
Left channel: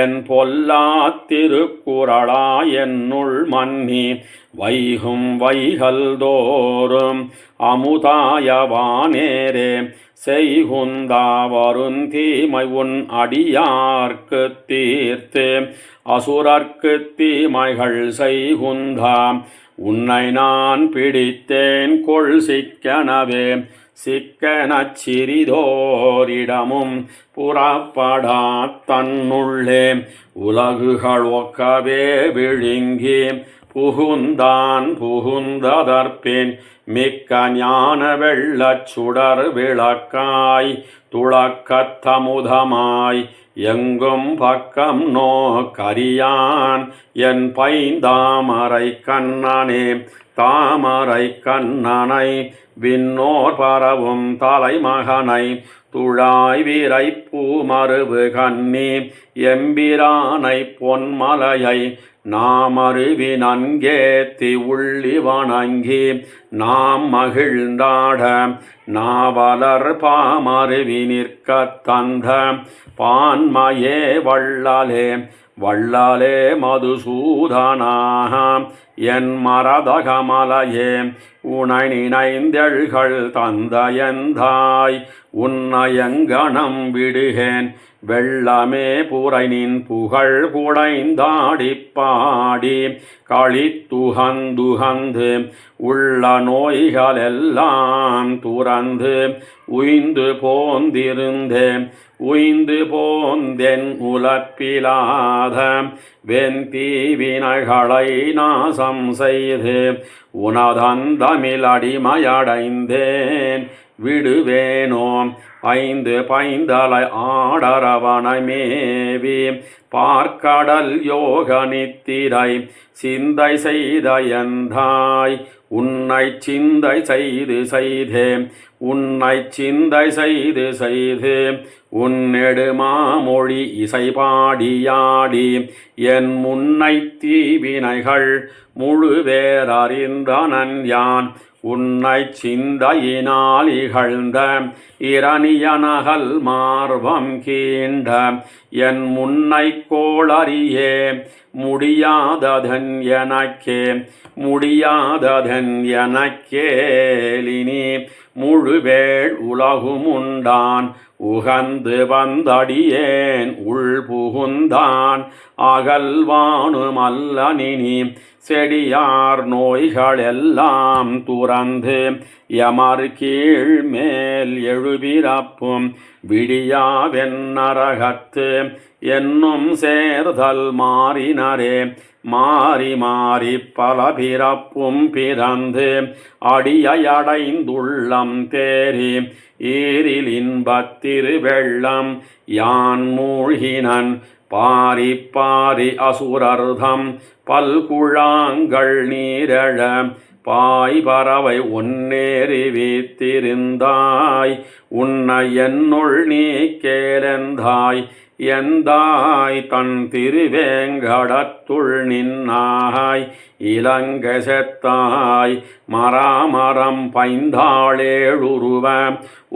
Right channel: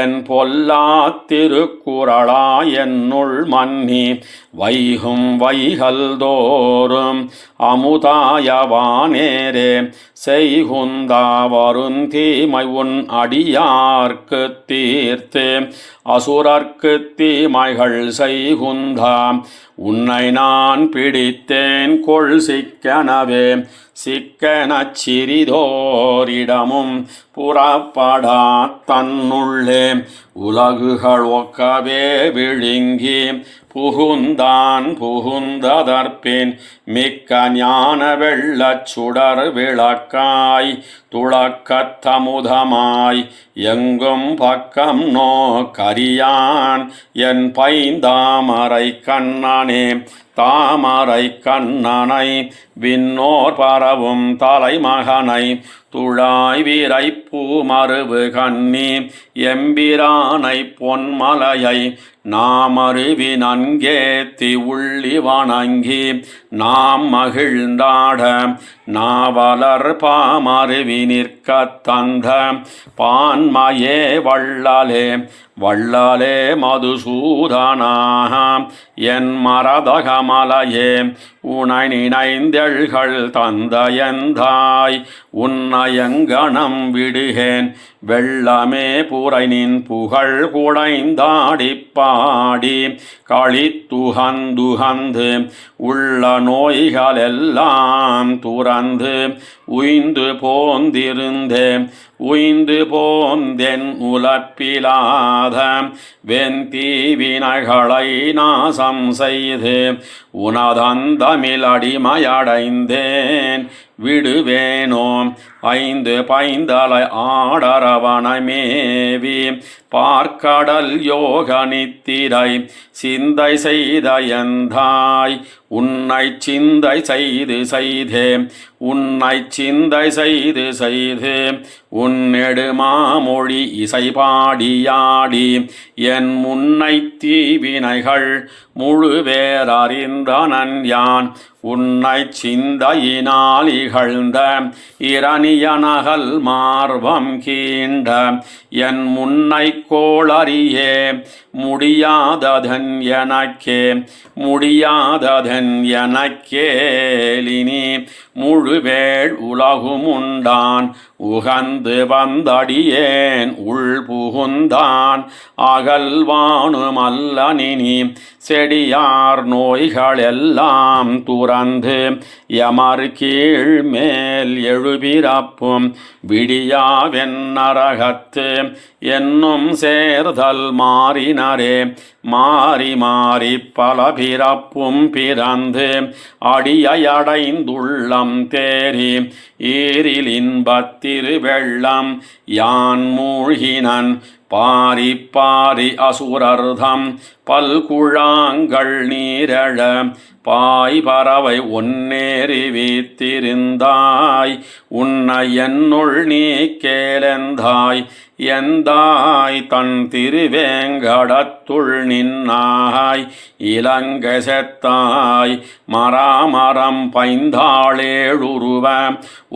என் பொல்லா திருக்குறளாயன்னுள் மன்னி வைகும் வைகல் தோறும் அமுதாயவானேரே செய்குந்தா வருந்தீமை உன் அடியார்க்கு தீர்த்து அசுரர்க்கு தீமைகள் செய்குந்தா உன்னை நான் பிடித்தேன் கொள் சிக்கனவே. சிக்கனச் சிறிதோரிடமும் புறப்படா தன்னுள்ளே உலகுகள் ஒக்கவே விழுங்கி புகுந்தான் புகுந்ததற்பின் மிக்க ஞான வெள்ளச் சுடர் விளக்காய் துளக்கத்தமுதமாய் எங்கும் பக்கம் நோக்கரியான் என் பைந்தாமரை கண்ணனே. தாமரை கண்ணனை விண்ணோர் பரவும் தலைமகனை துழாய் வீரை பூமருவு கண்ணி எம்பிரானை பொன்மலையை நாமருவி நன்கேத்தி உள்ளி வணங்கி நாம் மகிழ்ந்தாட நாவலர் பாமருவி நிற்க தந்த பான்மையே வள்ளலே வள்ளலே மதுசூதனாக என் மரதகமலையே உனை நினைந்தெழ்கள் தந்தையந்தாய் உன்னையங்கணம் விடுகேன் வெள்ளமே புரைனின் புகழ் குடைந்தாடி பாடி களித்துகந்துகந்து உள்ள நோய்களெல்லாம் துறந்து உய்ந்து போந்திருந்தேன் உய்ந்து போந்தென் உலப்பிலாத வெந்தீவினைகளை நாசம் செய்து உனதந்தமிழ் அடிமையடைந்தேன் விடுவேனோ. ஐந்து பைந்தலை ஆடரவனமேவி பார்க்கடல் யோக நித்திரை சிந்தை செய்த எந்தாய் உன்னை சிந்தை செய்து செய்தே உன்னை சிந்தை செய்து செய்து உன்னெடுமாமொழி இசை பாடியாடி என் முன்னை தீவினைகள் முழுவேறறிந்தனன் யான் உன்னை சிந்தையினால் இகழ்ந்த இரணியனகல் மார்வம் கீண்ட என் முன்னை கோளறியே முடியாததன் எனக்கே முடியாததன் எனக்கேலினி முழுவேள் உலகும் உண்டான் உகந்து வந்தடியேன் உள் புகுந்தான் அகல்வானுமல்ல நினி செடியார் நோய்களெல்லாம் துறந்து யமர் கீழ் மேல் எழுபிறப்பும் விடியாவென்னரகத்து என்னும் சேர்தல் மாறினரே மாறி மாறி பல பிறப்பும் பிறந்து அடியடைந்துள்ளம் தேறி ஈரில் இன்பத்திரு வெள்ளம் யான் மூழ்கினன் பாரி பாரி அசுரர்தம் பல்குழாங்கள் நீரழ பாய் பறவை ஒன்னேறி வீத்திருந்தாய் உன்னை என்னுள் நீ கேளந்தாய் எந்தாய் தன் திருவேங்கடத்துள் நின்னாய் இலங்கை செத்தாய் மராமரம் பைந்தாளேழுருவ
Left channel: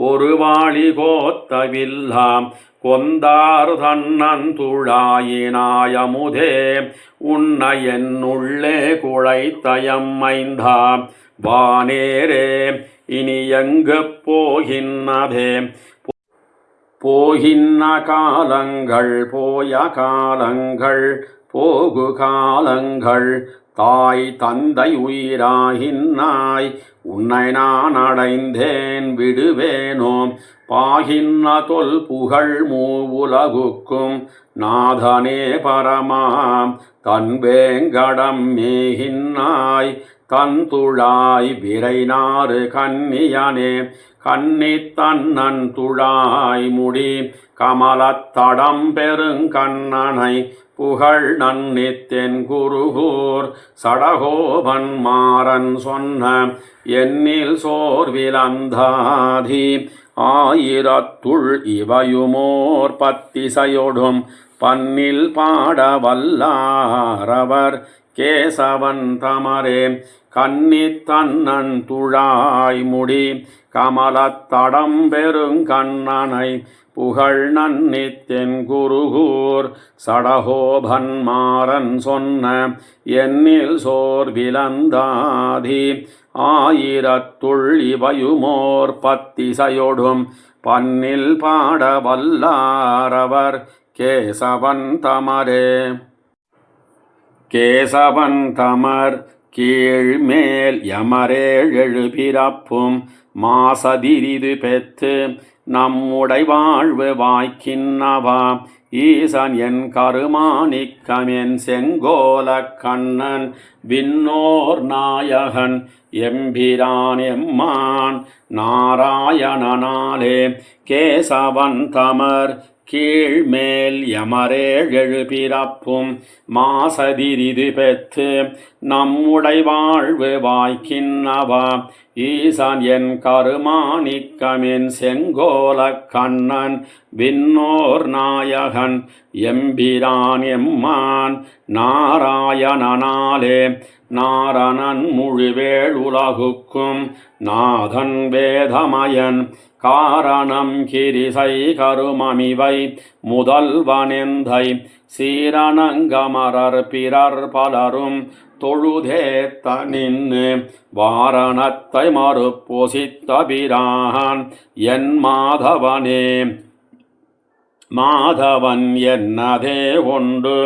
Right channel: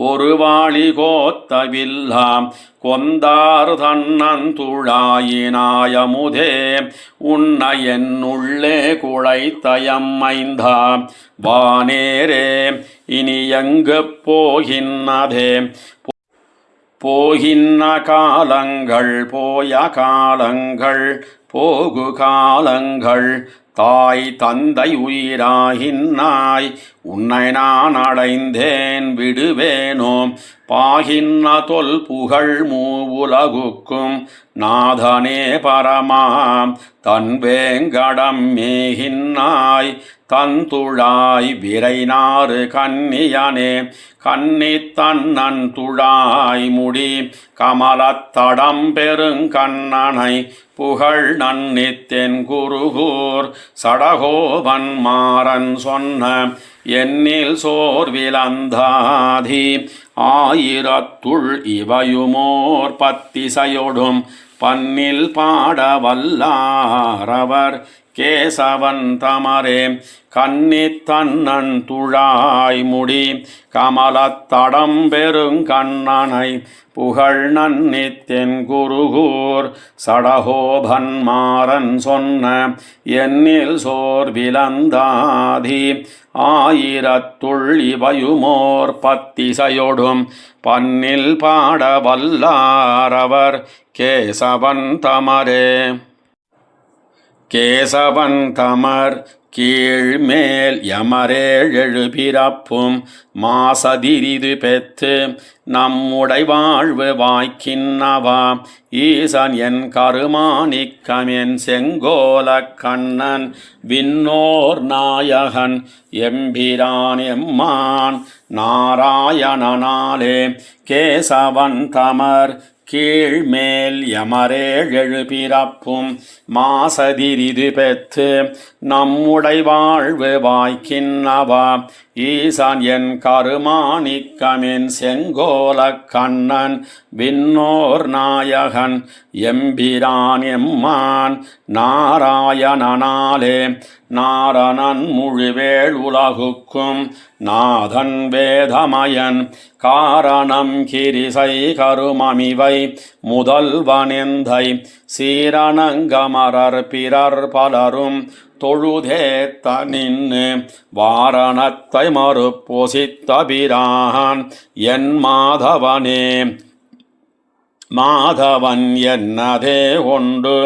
ஒரு வாளி கோத்தவில்லாம் கொந்தார் தன்னந்துழாயினாயமுதே உன்னை என்னுள்ளே குழைத்தயம்மைந்தா வானேரே இனி எங்கு போகின்னதே போகின்ன காலங்கள் போய காலங்கள் போகு காலங்கள் தாய் தந்தை உயிராகின்னாய் உன்னை நான் அடைந்தேன் விடுவேனோ பாகின்ன தொல் புகழ் மூவுலகுக்கும் நாதனே பரமா தன் வேங்கடம் மேகின்னாய் தந்துழாய் விரைநாறு கன்னியனே கன்னி தன்னன் துழாய் முடி கமலத்தடம் பெருங்கண்ணனை புகழ் நன்னித்தென் குருகூர் சடகோபன் மாறன் சொன்ன எண்ணில் சோர்விலந்தாதி ஆயிரத்துள் இவையுமோர் பத்திசையொடும் பன்னில் பாட வல்லாரவர் கேசவன் தமரே கன்னி தன்னன் துழாய் முடி கமலத்தடம் பெருங்கண்ணனை புகழ் நன்னித்தென் குருகூர் சடகோபன் மாறன் சொன்ன எண்ணில் சோர்விலந்தாதி ஆயிரத்துள் இவையுமோர் பத்திசையொடும் பன்னில் பாட வல்லாரவர் கேசவன் தமரே கேசவன் தமர் கீழ்மேல் யமரேழு பிறப்பும் மாசதிரிது பெற்று நம்முடை வாழ்வு வாய்க்கின்னவா ஈசன் என் கருமாணிக்கமென் செங்கோல கண்ணன் விண்ணோர் நாயகன் எம்பிரான் எம்மான் நாராயணனாலே கேசவன் தமர் கீழ்மேல் யமரேழு பிறப்பும் மாசதிரிது பெற்று நம்முடை வாழ்வு வாய்க்கின்னவா ஈசன் என் கருமாணிக்கமென் செங்கோல கண்ணன் விண்ணோர் நாயகன் எம்பிரான் எம்மான் நாராயணனாலே நாரணன் முழுவேள் உலகுக்கும் நாதன் வேதமயன் காரணம் கிரிசை கருமமிவை முதல்வனெந்தை சீரணங்கமரர் பிறர் பலரும் தொழுதேத்த நின்னு வாரணத்தை மறுப்பொசித்த பிரான் என் மாதவனே மாதவன் என்னதே கொண்டு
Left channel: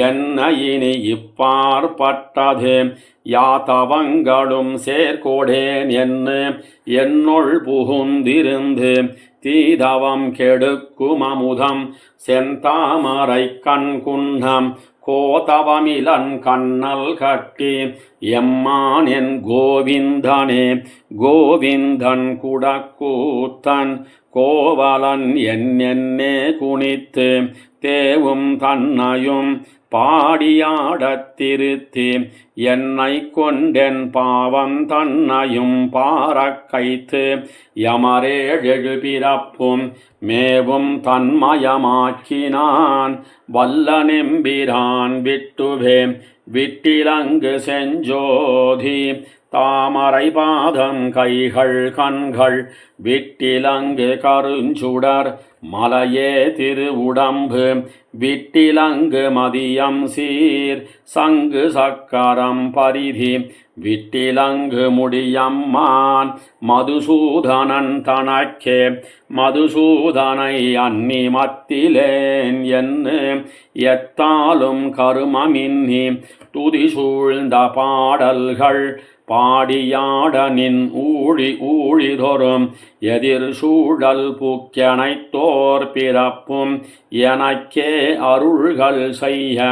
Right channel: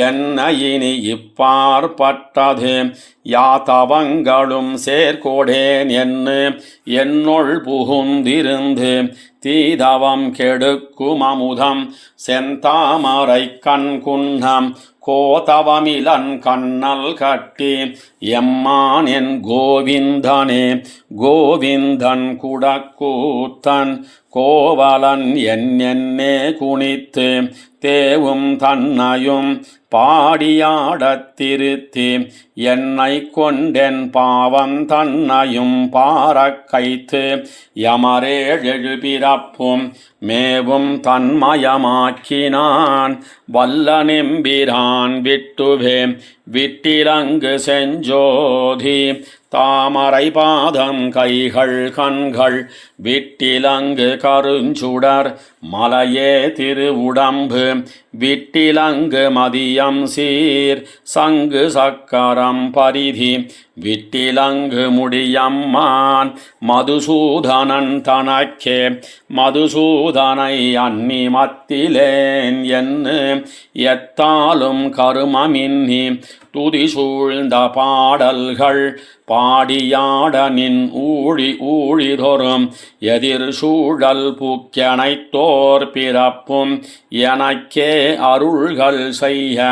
என்ன இனி இப்பாற்பட்டது யாத்தவங்களும் சேர்கொடேன் என்னுள் புகுந்திருந்து தீதவம் கெடுக்கும் அமுதம் செந்தாமரை கண்குன்னம் கோதவமிலன் கண்ணல் கட்டி எம்மான் என் கோவிந்தனே கோவிந்தன் குடக்கூத்தன் கோவலன் என்னே குனித்து தேவும் தன்னையும் பாடியாடத் திருத்தி என்னை கொண்டென் பாவம் தன்னையும் பாரக்கைத்து யமரேழு பிறப்பும் மேவும் தன்மயமாக்கினான் வல்ல நெம்பிரான் விட்டுவே விட்டிலங்கு செஞ்சோதி தாமரை பாதம் கைகள் கண்கள் விட்டிலங்கு கருஞ்சுடர் மலையே திருவுடம்பு விட்டிலங்கு மதியம் சீர் சங்கு சக்கரம் பரிதி விட்டிலங்கு முடியம்மான் மதுசூதனன் தனக்கே மதுசூதனை அன்னி மத்திலேன் என்று எத்தாலும் கருமமின்னி துதி சூழ்ந்த பாடல்கள் பாடியாட நின் ஊழிதொரும் எதிர் சூழல் புக்கெனைத்தோர் பிறப்பும் எனக்கே அருள்கள் செய்ய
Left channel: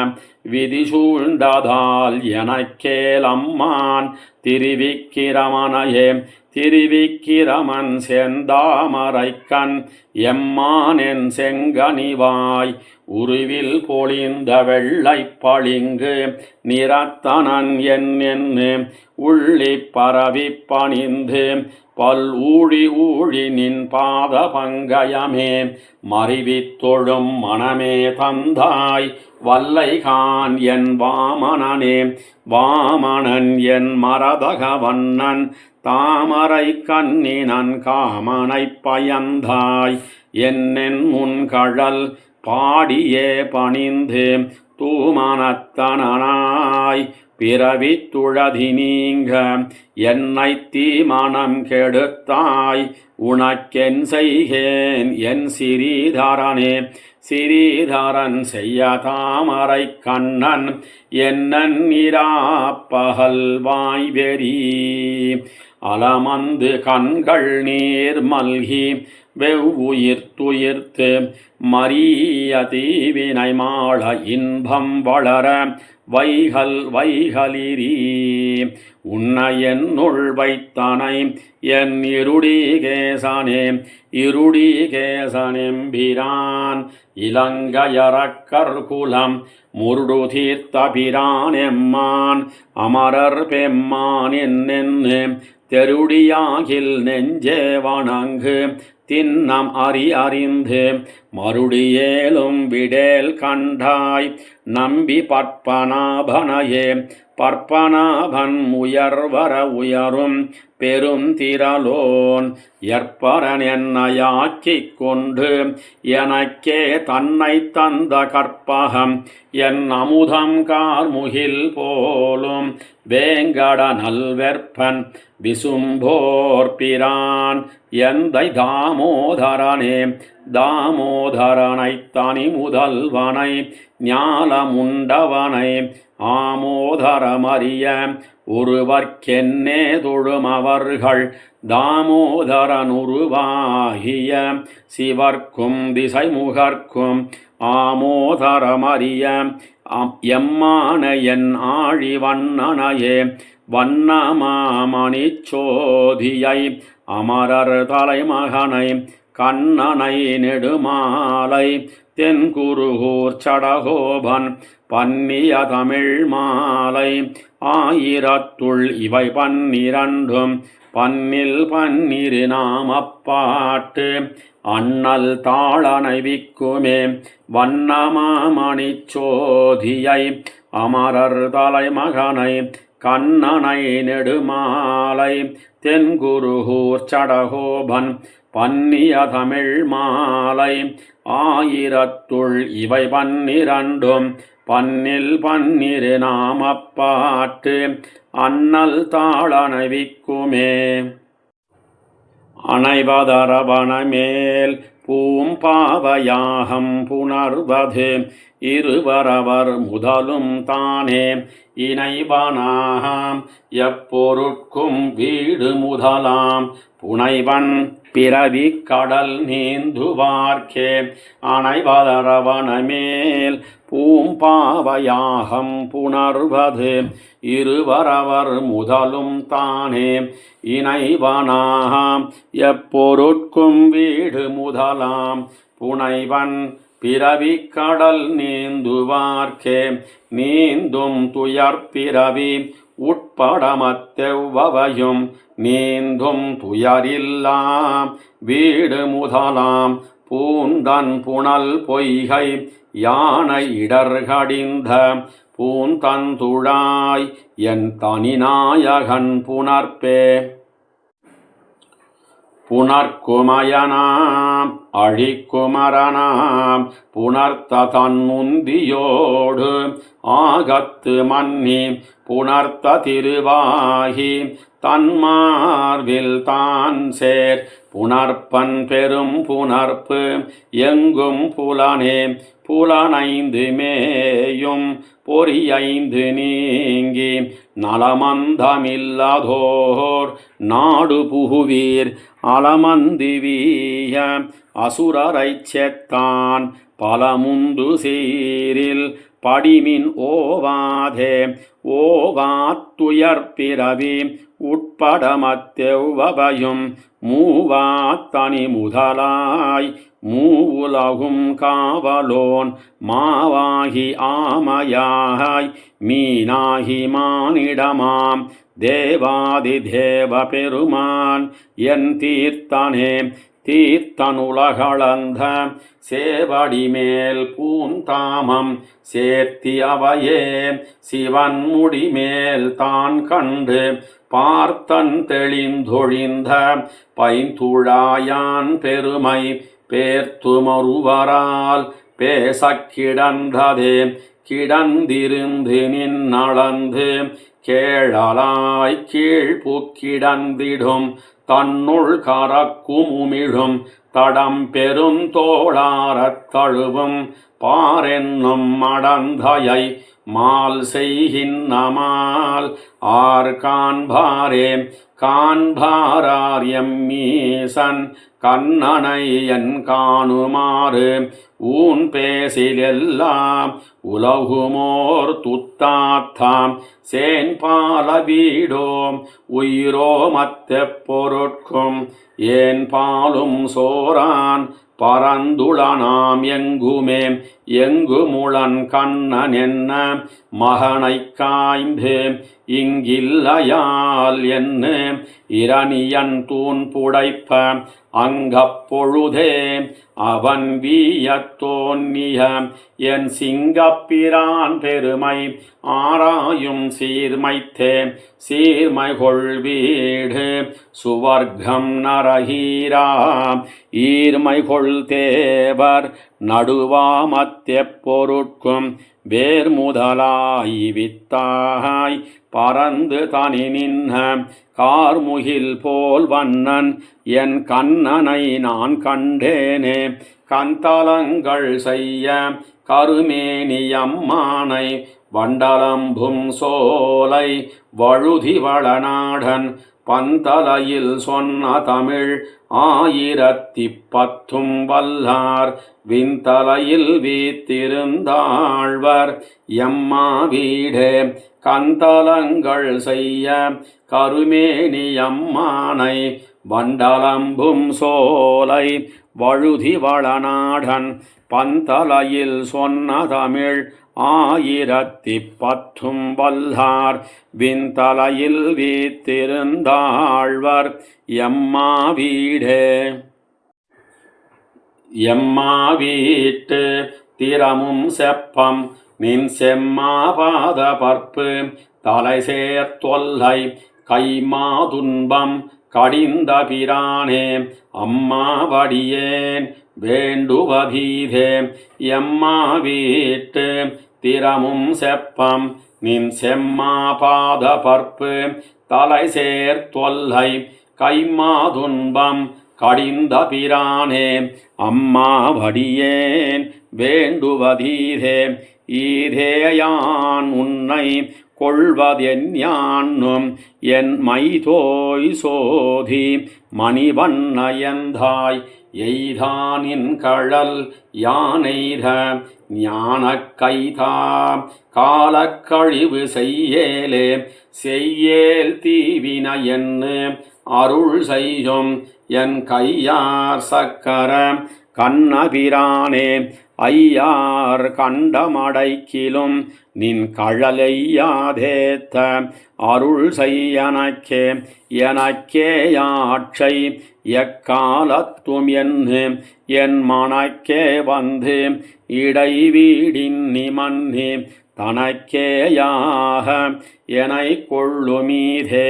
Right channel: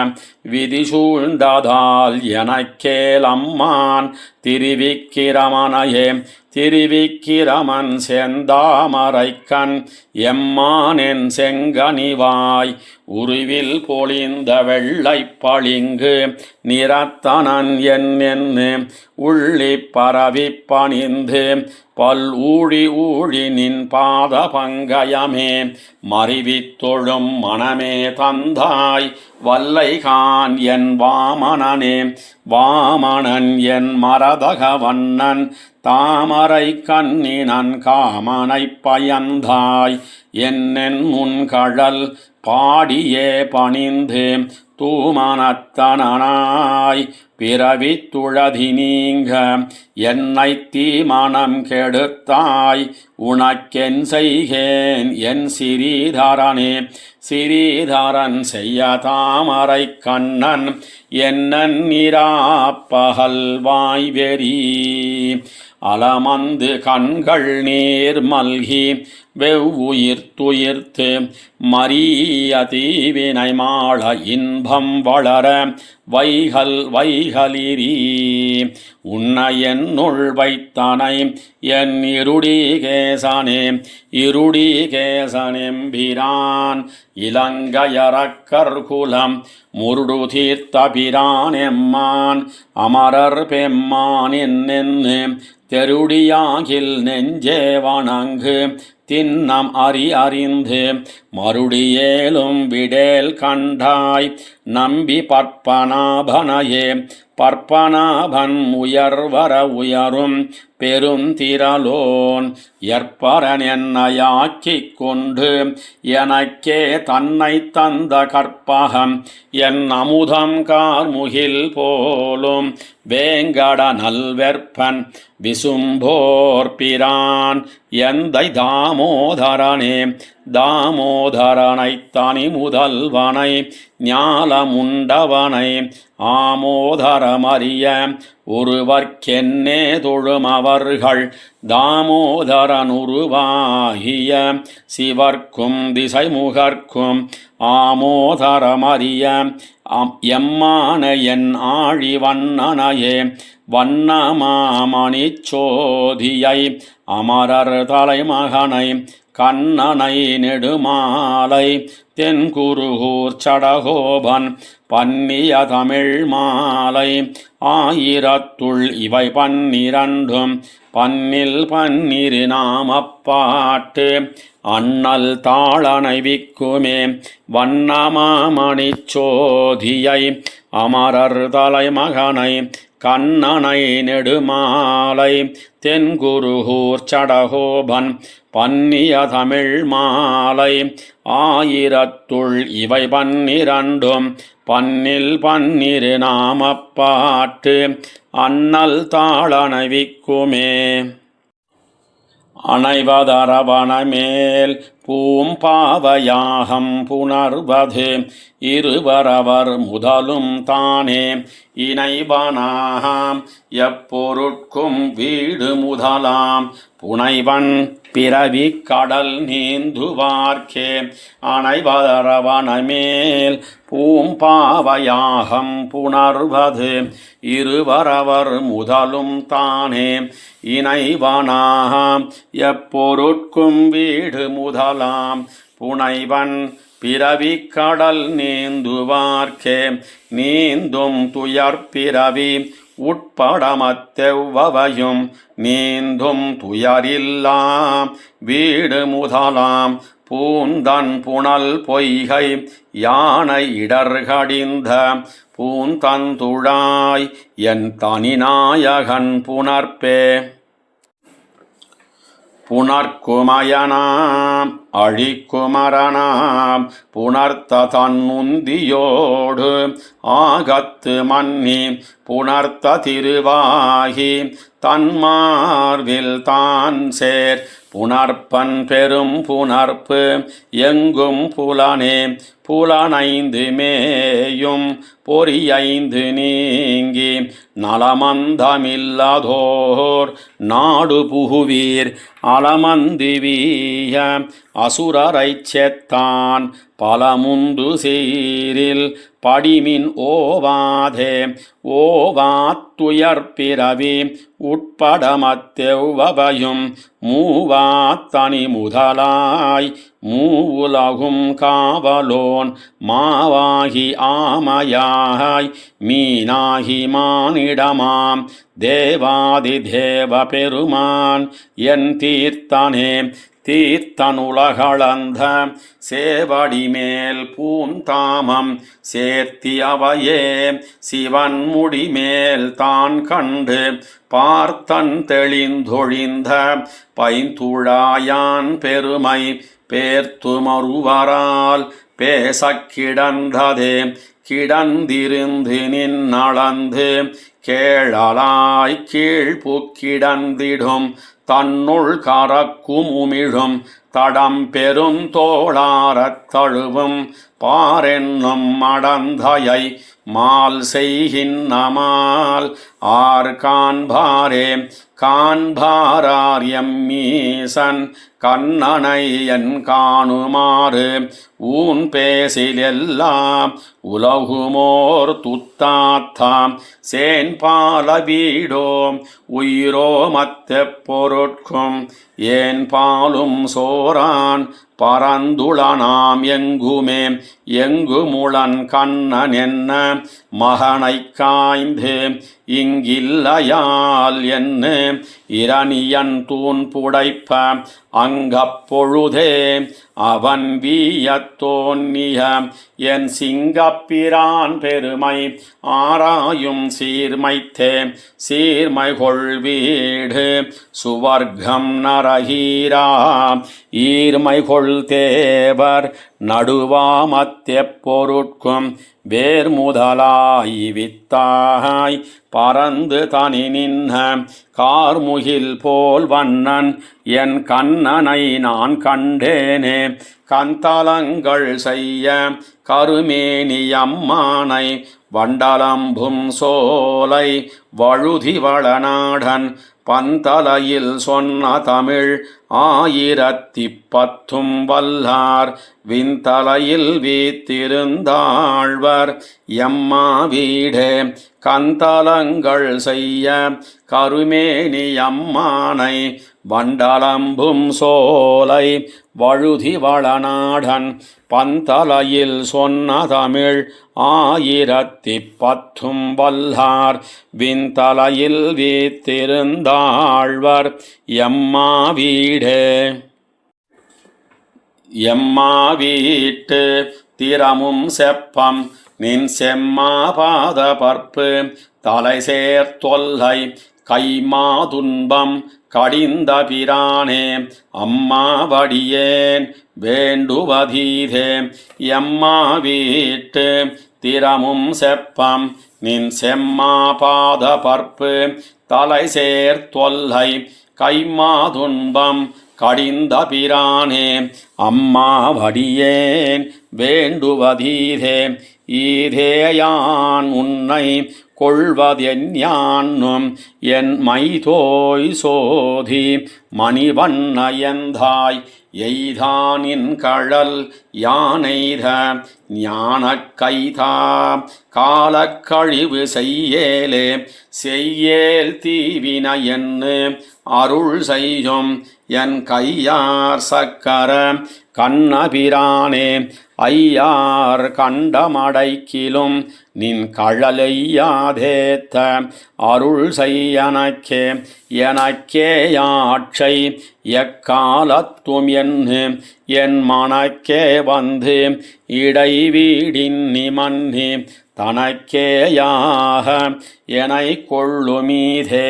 விதி சூழ்ந்ததால் எனக்கேலம்மான் திருவிக்கிரமனையே திருவிக்கிரமன் செந்தாமரைக்கண் எம்மானென் செங்கனிவாய் உருவில் பொழிந்த வெள்ளை பளிங்கு நிறத்தனன் என்னென்னு உள்ளி பரவி பணிந்து பல் ஊழி நின் பாத பங்கயமே மறிவித்தொழும் மனமே தந்தாய் வல்லைகான் என் வாமனனே வாமனன் என் மரதகவண்ணன் தாமரை கண்ணினன் காமனை பயந்தாய் என்னென் முன்கழல் பாடியே பணிந்து தூமனத்தனாய் பிறவித்துழதி நீங்க என்னை தீமனம் கெடுத்தாய் உனக்கென் செய்கேன் என் சிறீதரனே சிறீதரன் செய்ய தாமரை கண்ணன் என்னன் இராப்பகல் வாய்வெறி அலமந்து கண்கள் நீர் மல்கி வெவ்வுயிர்த்துயிர்த்து மரிய தீவினை மாள இன்பம் வளர வைகலிரி உன்னை என்னுள் வைத்தனை என் இருடிகேசனே இருடிகேசனெம்பிரான் இலங்கையரக்கர் குலம் முருடு தீர்த்த பிரான் எம்மான் அமரர் பெம்மான் என்னென்னு தெருடியாகில் நெஞ்சே வணங்கு தின்னம் அறிந்து மறுடியேலும் விடேல் கண்டாய் நம்பி பற்பனாபனையே பற்பனாபன் உயர்வர உயரும் பெருந்திரலோன் எற்பரன் என்னையாக்கிக் கொண்டு எனக்கே தன்னை தந்த கற்பகம் என் அமுதம் கார்முகில் போலும் வேங்கட நல்வெற்பன் விசும்போர் பிரான் எந்தை தாமோதரனே தாமோதரனை தனி முதல்வனை ஞாலமுண்டவனை ஆமோதரமறிய ஒருவர்க்கென்னே தொழுமவர்கள் தாமோதரனுருவாகிய சிவர்க்கும் திசைமுகர்க்கும் ஆமோதரமறிய எம்மான என் ஆழிவண்ணனையே வண்ணமாமணிச்சோதியை அமரர் தலைமகனை கண்ணனை நெடுமாலை தென்குருகூர் சடகோபன் பன்னிய தமிழ் மாலை ஆயிரத்துள் இவை 12 பன்னில் 12 நாமப்பாட்டு அண்ணல் தாளனை விக்குமே வண்ணமாமணிச்சோதியை அமரர் தலைமகனை கண்ணனை நெடுமாலை தென்குருகூர் சடகோபன் பன்னிய தமிழ் மாலை ஆயிரத்துள் இவை 12 பன்னில் 12 நாமப்பாட்டு அண்ணல் தாளனை விக்குமே அணைவதரவணமேல் பூம்பாவயாகம் புணர்வது இருவரவர் முதலும் தானே இணைவனாம் எப்பொருட்கும் வீடு முதலாம் புனைவன் பிறவி கடல் நீந்துவார்க்கே அணைவதரவணமேல் பூம்பாவயாகம் புணர்வது இருவரவர் முதலும் தானே இணைவனாம் எப்பொருட்கும் வீடு முதலாம் புனைவன் பிறவி கடல் நீந்துவார்க்கே நீந்தும் துயர்பிறவி உட்படமத்தெவ்வவையும் நீந்தும் துயரில்லாம் வீடு முதலாம் பூந்தன் புனல் பொய்கை யானை இடர்கடிந்த பூந்தந்துழாய் என் தனிநாயகன் புணர்ப்பே புணர்க்குமயனாம் அழிக்குமரனாம் புணர்த்த தன்முந்தியோடு ஆகத்து மன்னி புணர்த்த திருவாகி தன்மார்வில் தான் சேர் புணர்ப்பன் பெரும் புணர்ப்பு எங்கும் புலனே புலனைந்து மேயும் பொறியைந்து நீங்கி நலமந்தமில்லதோர் நாடு புகுவீர் அலமந்திவீய அசுரரைச் செத்தான் பலமுந்து சீரில் படிமின் ஓவாதே ஓவாத்துயர்பிறவி உட்படமத்தெவ்வவையும் மூவாத்தனி முதலாய் மூவுலகும் காவலோன் மாவாகி ஆமையாய் மீனாகி மானிடமாம் தேவாதி தேவ பெருமான் என் தீர்த்தனே தீர்த்தனுலகளந்த சேவடி மேல் பூந்தாமம் சேர்த்தியவையே சிவன் முடிமேல் தான் கண்டு பார்த்தன் தெளிந்தொழிந்த பைந்துழாயான் பெருமை பேர்த்துமருவரால் பேசக் கிடந்ததே கிடந்திருந்து நின்னளந்து கேழலாய் கீழ்புக்கிடந்திடும் தன்னுள் கரக்கும் உமிழும் தடம் பெருந்தோளாரத் தழுவும் பாரென்னும் மடந்தையை மால் செய்கின்னமால் ஆர் காண்பாரே காண்பாரார் எம்மீசன் கண்ணனை என் காணுமாறு ஊன் பேசிலெல்லாம் உலகுமோர் துத்தாத்தாம் சேன்பால வீடோம் உயிரோமத்த பொருட்கும் ஏன் பாலும் சோரான் பரந்துளனாம் எங்குமே எங்குமுளன் கண்ணன் என்ன மகனைக் காய்ந்து இங்கில்லையால் என்ன இரணியன் தூண் புடைப்ப அங்கப்பொழுதே அவன் வீயத் தோன்னிய என் சிங்கப்பிரான் பெருமை ஆராயும் சீர்மைத்தே சீர்மைகொள் வீடு சுவர்க்கம் நரகீரா ஈர்மைகொள் தேவர் நடுவாமத்தெப் பொருட்கும் வேர் முதலாய் வித்தாய் பறந்து தனி நின்ன கார்முகில் போல் வண்ணன் என் கண்ணனை நான் கண்டேனே கந்தலங்கள் செய்ய கருமேனியம்மானை வண்டலம்பும் சோலை வழுதி வளநாடன் பந்தலையில் சொன்ன தமிழ் 1010 வல்லார் விண்தலையில் வீத்திருந்தாழ்வர் எம்மா வீடே கந்தலங்கள் செய்ய கருமேனியம்மானை வண்டலம்பும் சோலை வழுதி வளநாடன் பந்தலையில் சொன்ன தமிழ் 1010 வல்லார் விண்தலையில் வீத்திருந்தாழ்வர் எம்மா வீடே எம்மா வீட்டு திறமும் செப்பம் நின் செம்மா பாத பற்பு தலை சேர்த்தொல்லை கைமா துன்பம் கடிந்த பிரானே அம்மா வடியேன் வேண்டுவதீதே எம்மா வீட்டு திறமும் செப்பம் நின் செம்மா பாத பற்பு தலை சேர்த்தொல்லை கைமா துன்பம் கடிந்த பிரானே அம்மா வடியேன் வேண்டுவதீதே ஈதேயான் உன்னை கொள்வதென்யான்னும் என் மைதோய் சோதி மணிவண்ணயந்தாய் எய்தானின் கழல் யானெய்த ஞானக் கைதா காலக்கழிவு செய்யேலே செய்யேல் தீவின என்று அருள் செய்யும் என் கையார் சக்கர கண்ணபிரானே ஐயார் கண்டமடைக்கிலும் நின் கழலையாதேத்த அருள் செய்யனக்கே எனக்கே யாட்சை எக்காலத்தும் என்று என் மனக்கே வந்து இடைவீடின் நிமன்னி தனக்கேயாக எனை கொள்ளுமீதே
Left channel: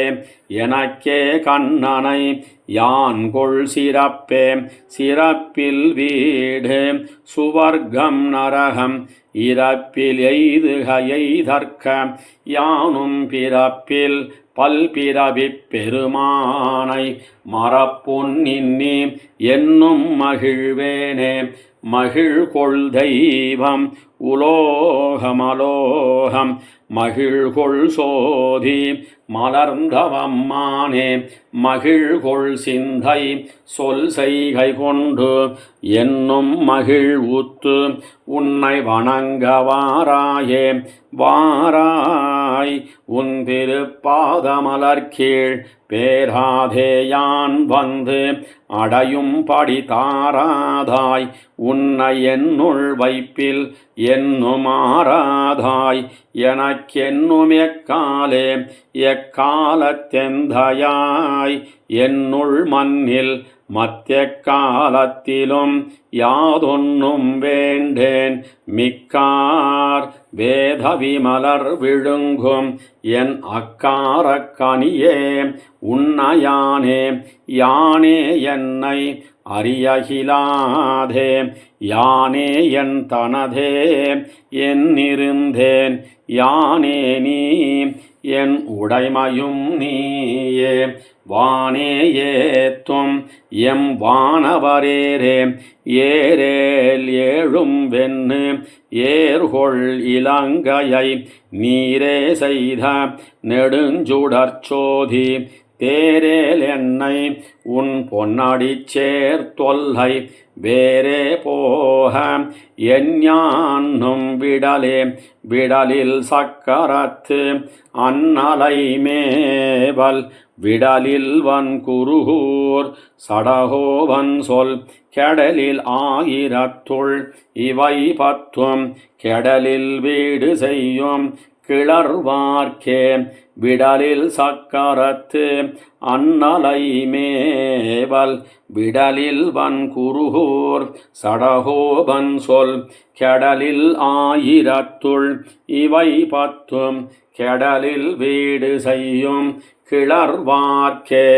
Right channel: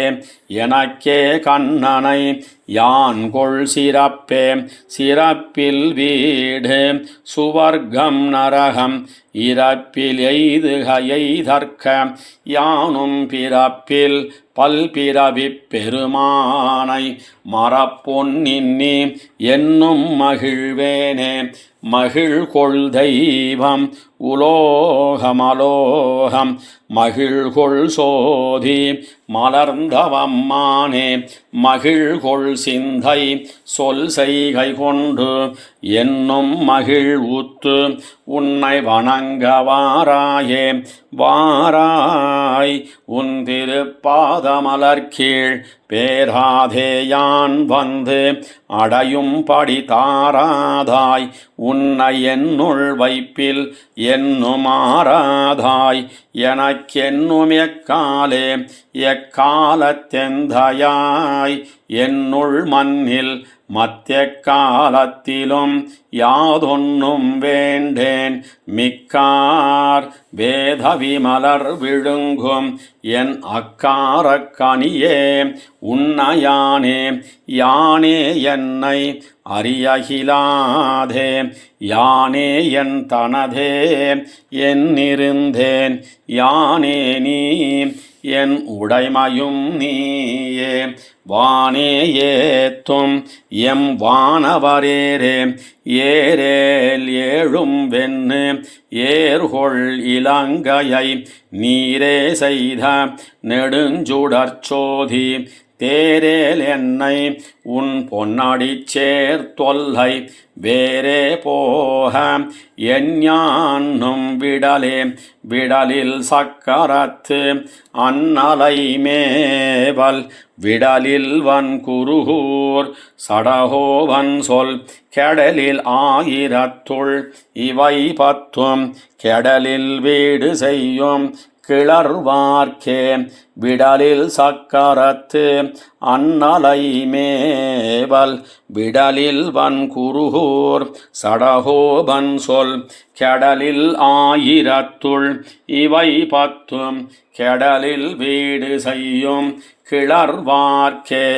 எனக்கே கண்ணனை யான் கொள் சிறப்பே சிறப்பில் வீடு சுவர்க்கம் நரகம் இறப்பில் எய்துக எய்தற்க யானும் பிறப்பில் பல்பிறவிப் பெருமானை மறப்பொன்னின்னி என்னும் மகிழ்வேனே மகிழ்கொள் தெய்வம் உலோகமலோகம் மகிழ்கொள் சோதி மலர்ந்தவம்மானே மகிழ்கொள் சிந்தை சொல் செய்கை கொண்டு என்னும் மகிழ் ஊத்து உன்னை வணங்க வாராயே வாராய் உன் திருப்பாதமலர்கீழ் பேராதேயான் வந்து அடையும்படி தாராதாய் உன்னை என்னுள் வைப்பில் என்னும் ஆராதாய் எனக்கென்னும் எக்காலே எக்காலத்தெந்தையாய் என்னுள் மண்ணில் மத்திய காலத்திலும் யாதொன்னும் வேண்டேன் மிக்கார் வேதவி மலர் விழுங்கும் என் அக்காரக் கனியே உன்னையானே யானே என்னை அறியகிலாதே யானே என் தனதே என்னிருந்தேன் யானே நீ என் உடைமையும் நீயே வானே ஏத்தும் எம் வானவரேரே ஏரேல் ஏழும் வெண்ணு ஏர்கொள் இலங்கையை நீரே செய்த நெடுஞ்சுடற்சோதி தேரேல் என்னை உன் பொன்னடிச் சேர்த்தொல்லை வேறே போக எஞ்ஞான்னும் விடலே விடலில் சக்கரத்து அன்னலை மேவல் விடலில் வன்குருகூர் சடகோவன் சொல் கெடலில் ஆயிரத்துள் இவை பத்தும் கெடலில் வீடு செய்யும் கிளர்வார்க்கே விடலில் சக்கரத்து அன்னலை மேவல் விடலில் வன்குருகூர் சடகோபன் சொல் கெடலில் ஆயிரத்துள் இவை பத்தும் கெடலில் வீடு செய்யும் கிளர்வார்க்கே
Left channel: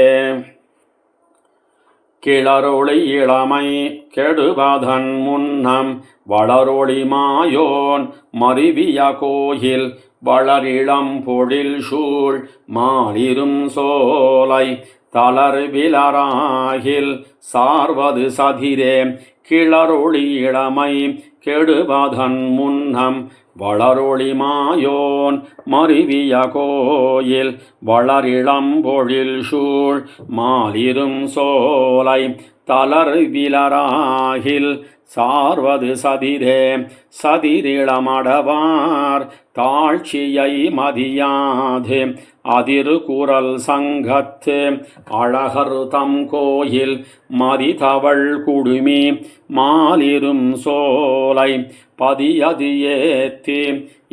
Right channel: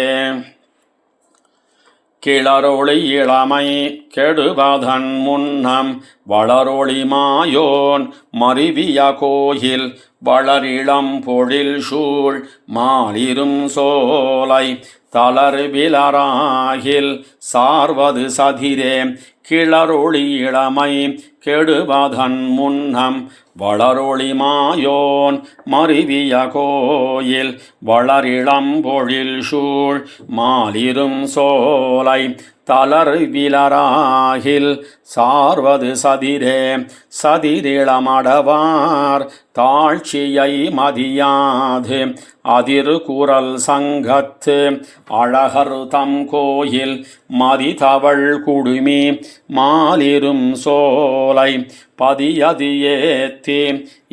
கிளரொளி இளமை கெடுவதன் முன்னம் வளரொளி மாயோன் மருவிய கோயில் வளரிளம் பொழில் சூழ் மாலிரும் சோலை தளர்விலராகில் சார்வது சதிரே கிளரொளி இளமை கெடுவதன் முன்னம் வளரொளி மாயோன் மருவிய கோயில் வளரிளம் பொழில் சூழ் மாலிரும் சோலை தளர்விலராகில் சார்வது சதிரே சதிரிளமடவார் தாழ்ச்சியை மதியாது அதிரு குரல் சங்கத்து அழகர் தம் கோயில் மதிதவள் குடுமி மாலிரும் சோலை பதியது ஏத்தி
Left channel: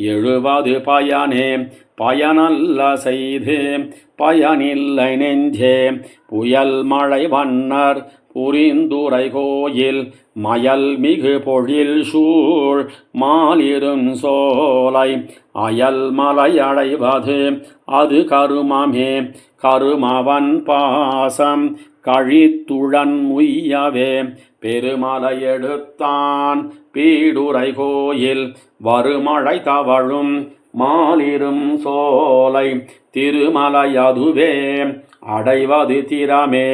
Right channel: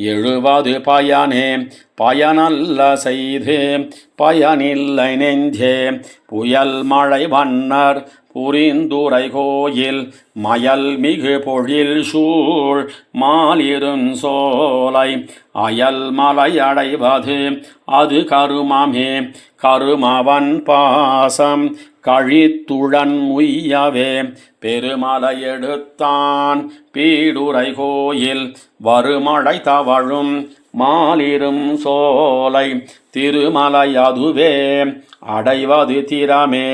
எழுவது பயனே பயனல்ல செய்து பயனில்லை நெஞ்சே புயல் மழை வண்ணர் புரிந்துரை கோயில் மயல் மிகு பொழில் சூழ் மாலிரும் சோலை அயல் மலை அடைவது அது கருமமே கருமவன் பாசம் கழித்துழன் உய்யவே பெருமலை எடுத்தான் பீடுரை கோயில் வருமழை தவழும் மாலிரும் சோலை திருமலை அதுவே அடைவது திறமே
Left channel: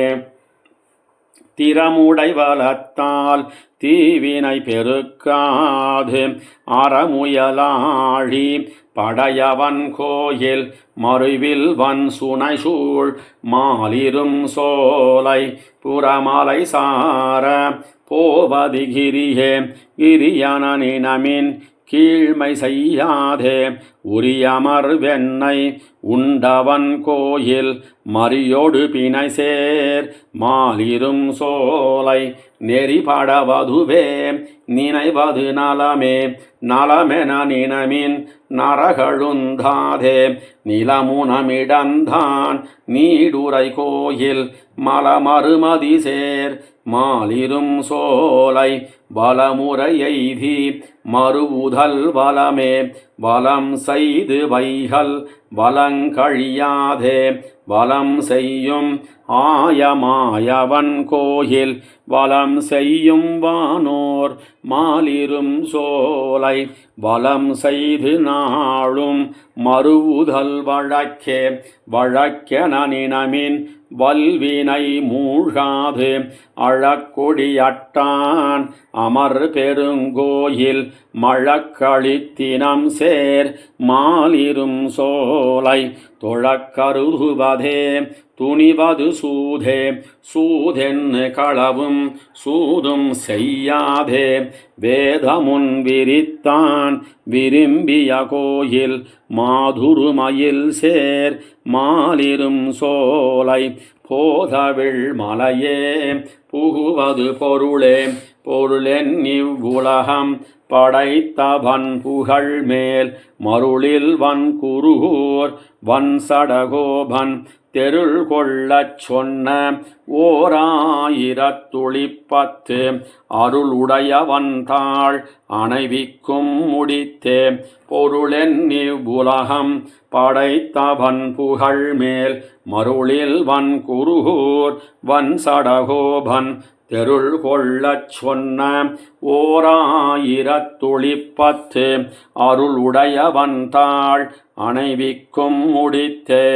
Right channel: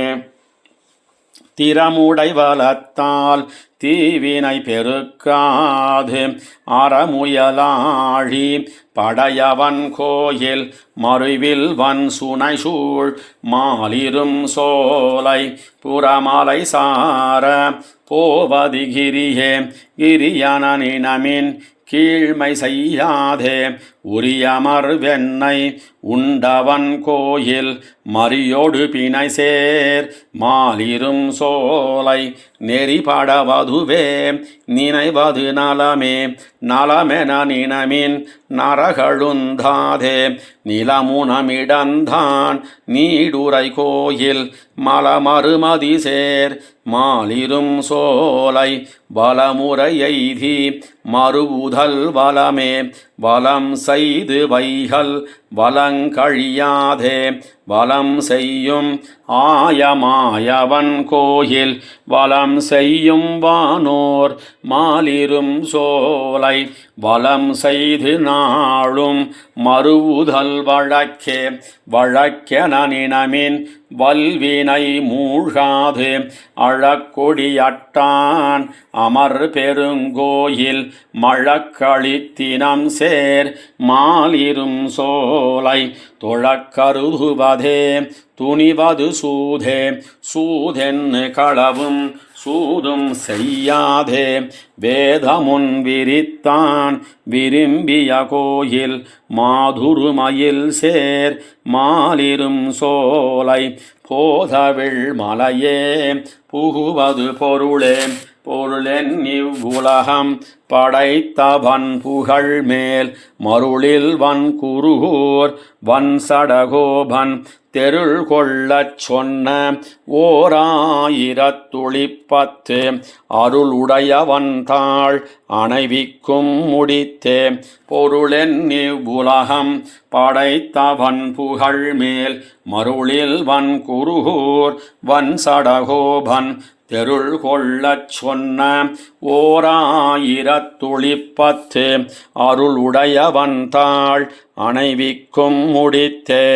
திறமுடைவலத்தால் தீவினை பெருக்காது அறமுயலாழி படையவன் கோயில் மறுவில் வன் சுனை சூழ் மாலிரும் சோலை புறமலை சார போவது கிரியே கிரியனினமின் கீழ்மை செய்யாதே உரியமர் வெண்ணை உண்டவன் கோயில் மறியோடு பிணை சேர் மாலிரும் சோலை நெறிபடவதுவே நினைவது நலமே நலமென நினமின் நரகழுந்தாதே நிலமுனமிடந்தான் நீடுரை கோயில் மலமறுமதி சேர் மாலிரும் சோலை வலமுறை எய்தி மறுவுதல் வலமே வலம் செய்து வைகள் வலங்கழியாதே வலம் செய்யும் ஆயமாயவன் கோயில் வலம் செய்யும் வானோர் மாலிரும் சோலை வலம் செய்து நாளும் மறுவுதல் வழக்கே வழக்கென நினமின் வல்வினை மூழ்காது அழக்கொடியட்டான் அமர் பெருங்கோயில் மழக்களித்தினம் சேர் மாலிரும் சோலை தொழக்கருதுவதே துணிவது சூதே சூதென்னு களவும் சூதும் செய்யாதே வேதமுன் விரித்தான் விரும்பிய கோயில் மாதுருமயில் சேர் மாலிரும் சோலை போதவிழ் மலையே புகுவது பொருளே பொருளென் இவ்வுலகம் படைத்தவன் புகழ் மேல் மருளில் வன் குருகூர் வன் சடகோபன் தெருள் கொள்ளச் சொன்ன 1010 அருளுடையவன்தாள் அணைவிக்கும் முடித்தே பொருளென்னி உலகம் படைத்தவன் புகழ் மேல் மருளில் வன் குருகூர் வன் சடகோபன் தெருள் கொள்ளச் சொன்ன 1010 அருளுடையவன்தாள் அணைவிக்கும் முடித்தே.